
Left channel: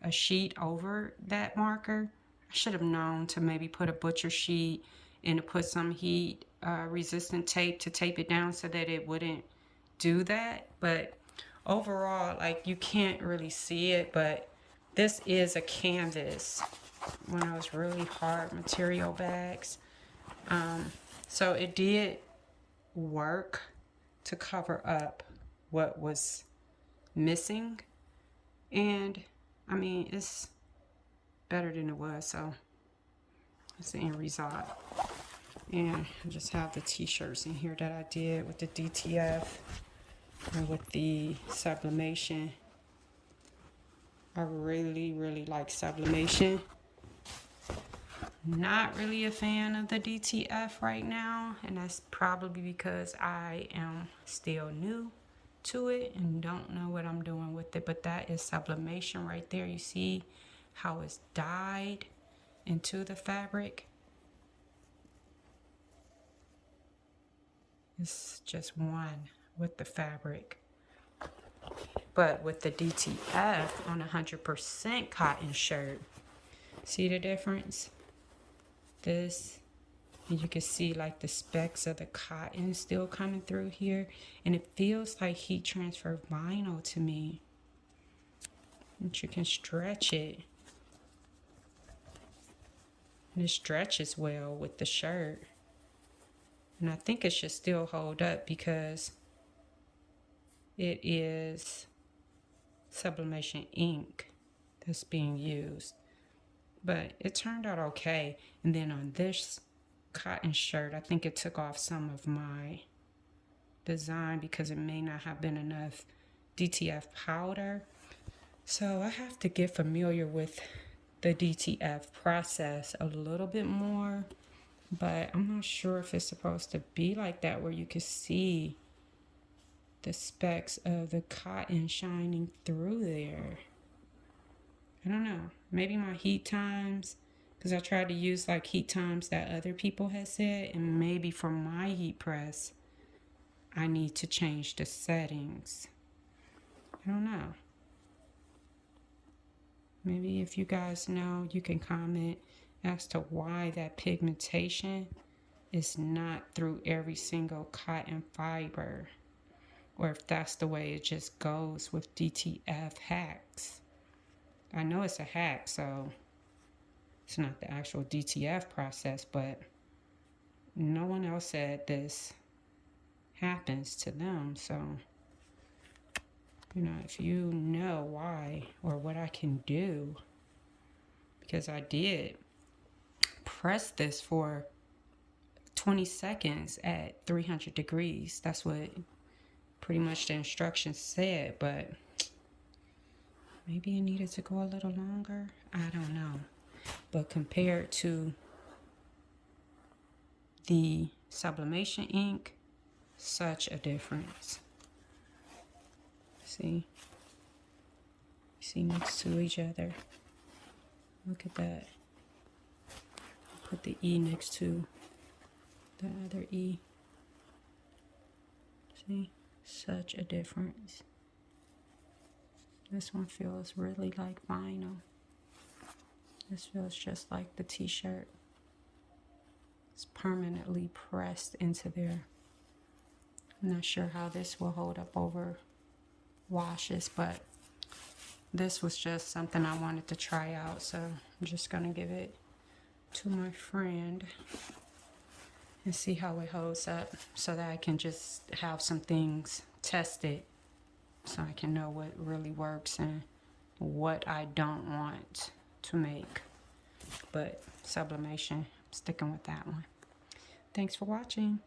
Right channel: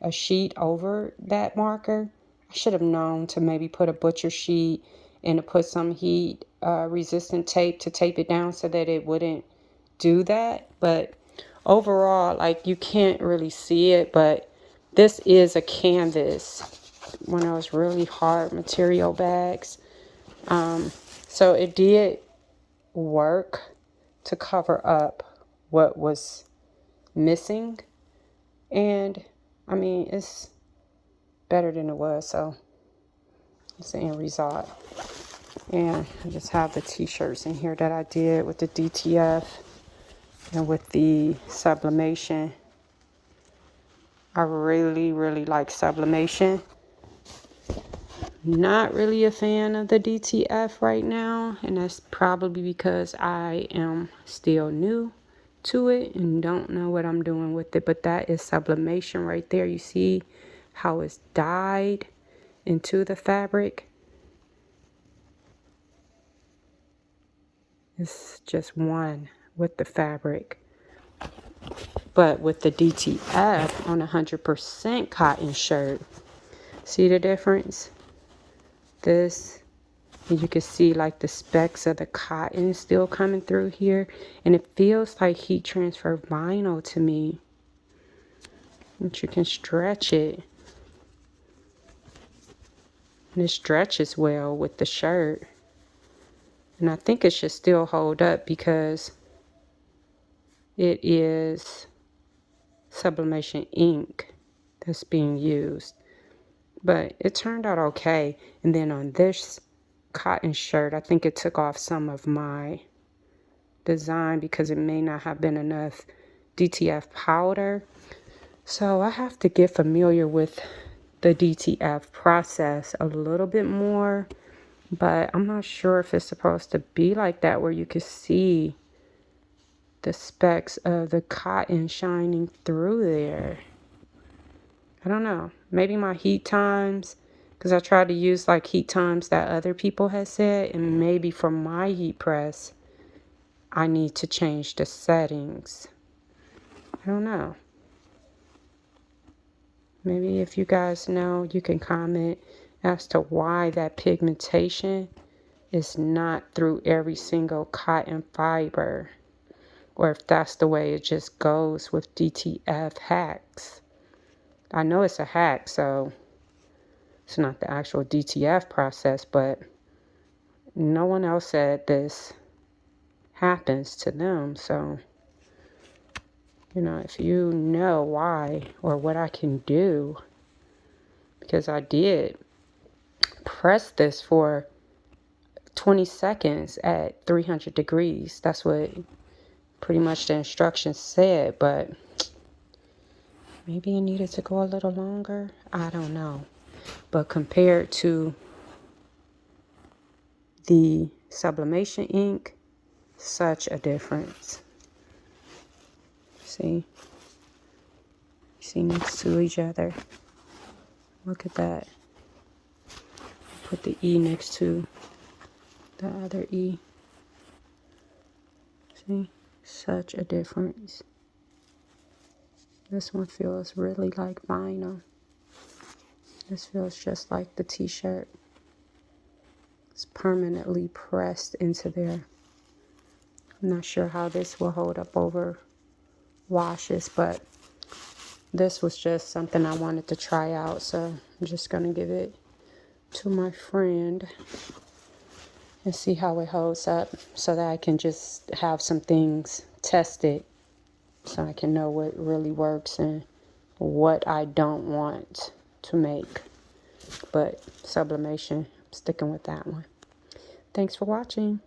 a sheet over that marker. I should have known to maybe put a butcher sheet and to put some heat resistant tape to tape it down so that it wouldn't do that. But overall, like, you can't really see it, but this is a canvas, one of those really hard material bags. So it did work to cover up what was missing, and I mean, it's better than it was, so it's the end result. And I just have the t-shirts in here that I did with the DTF and with the sublimation. I really like sublimation. Not really a fan of the DTF right now, and that's probably because I am still new to it and don't know what I'm doing with it. But that is sublimation right there. You see how it's dyed into the fabric. It's just one with the fabric. But with the DTF on 100% cotton shirt, see the difference? This, and you can see like the specks of the cotton still coming through here, and it feels like heat transfer vinyl to me. And you can stretch it, and it stretches well with the shirt. And I think it should still hold up because it is sublimation ink that's being used. But it turned out okay. And then on this cotton shirt, I think it took off some of my design because it may not have been enough DTF powder. So I have to get familiar with the DTF process a little bit more, but I'm not sure if it's supposed to be like that where you can see the specks of the cotton shining through there. I don't know. Maybe my heat times, because I tried to use like heat times that other people had said, and maybe for my heat press, I need to change the settings. I don't know. Maybe if you guys know, you can comment as to why that pigmentation is not through every single cotton fiber. or if that's the way it just goes with DTF hacks. I know it's a hack, so it's not the actual DTF process, but no one else said this happens to them. So, you know, if you know why or what I can do, because I did press this for 20 seconds at 300 degrees. That's what pretty much the instructions said, but maybe it needed to go a little longer. I don't know. But compared to the sublimation ink, such a difference. See next to each other. Look at that. Put the E next to the other E. See, such a difference. This one feels really like vinyl. This feels just like the t-shirt. It's permanently pressed into there. I'm not sure how this will hold up over washes, but this was just something I wanted to try out, so I'm just gonna give it to my friend and see how it holds up, so that I can just have some things tested, so I can know what really works and what I don't want to make. But sublimation, I'm sticking with that one. Thanks for watching.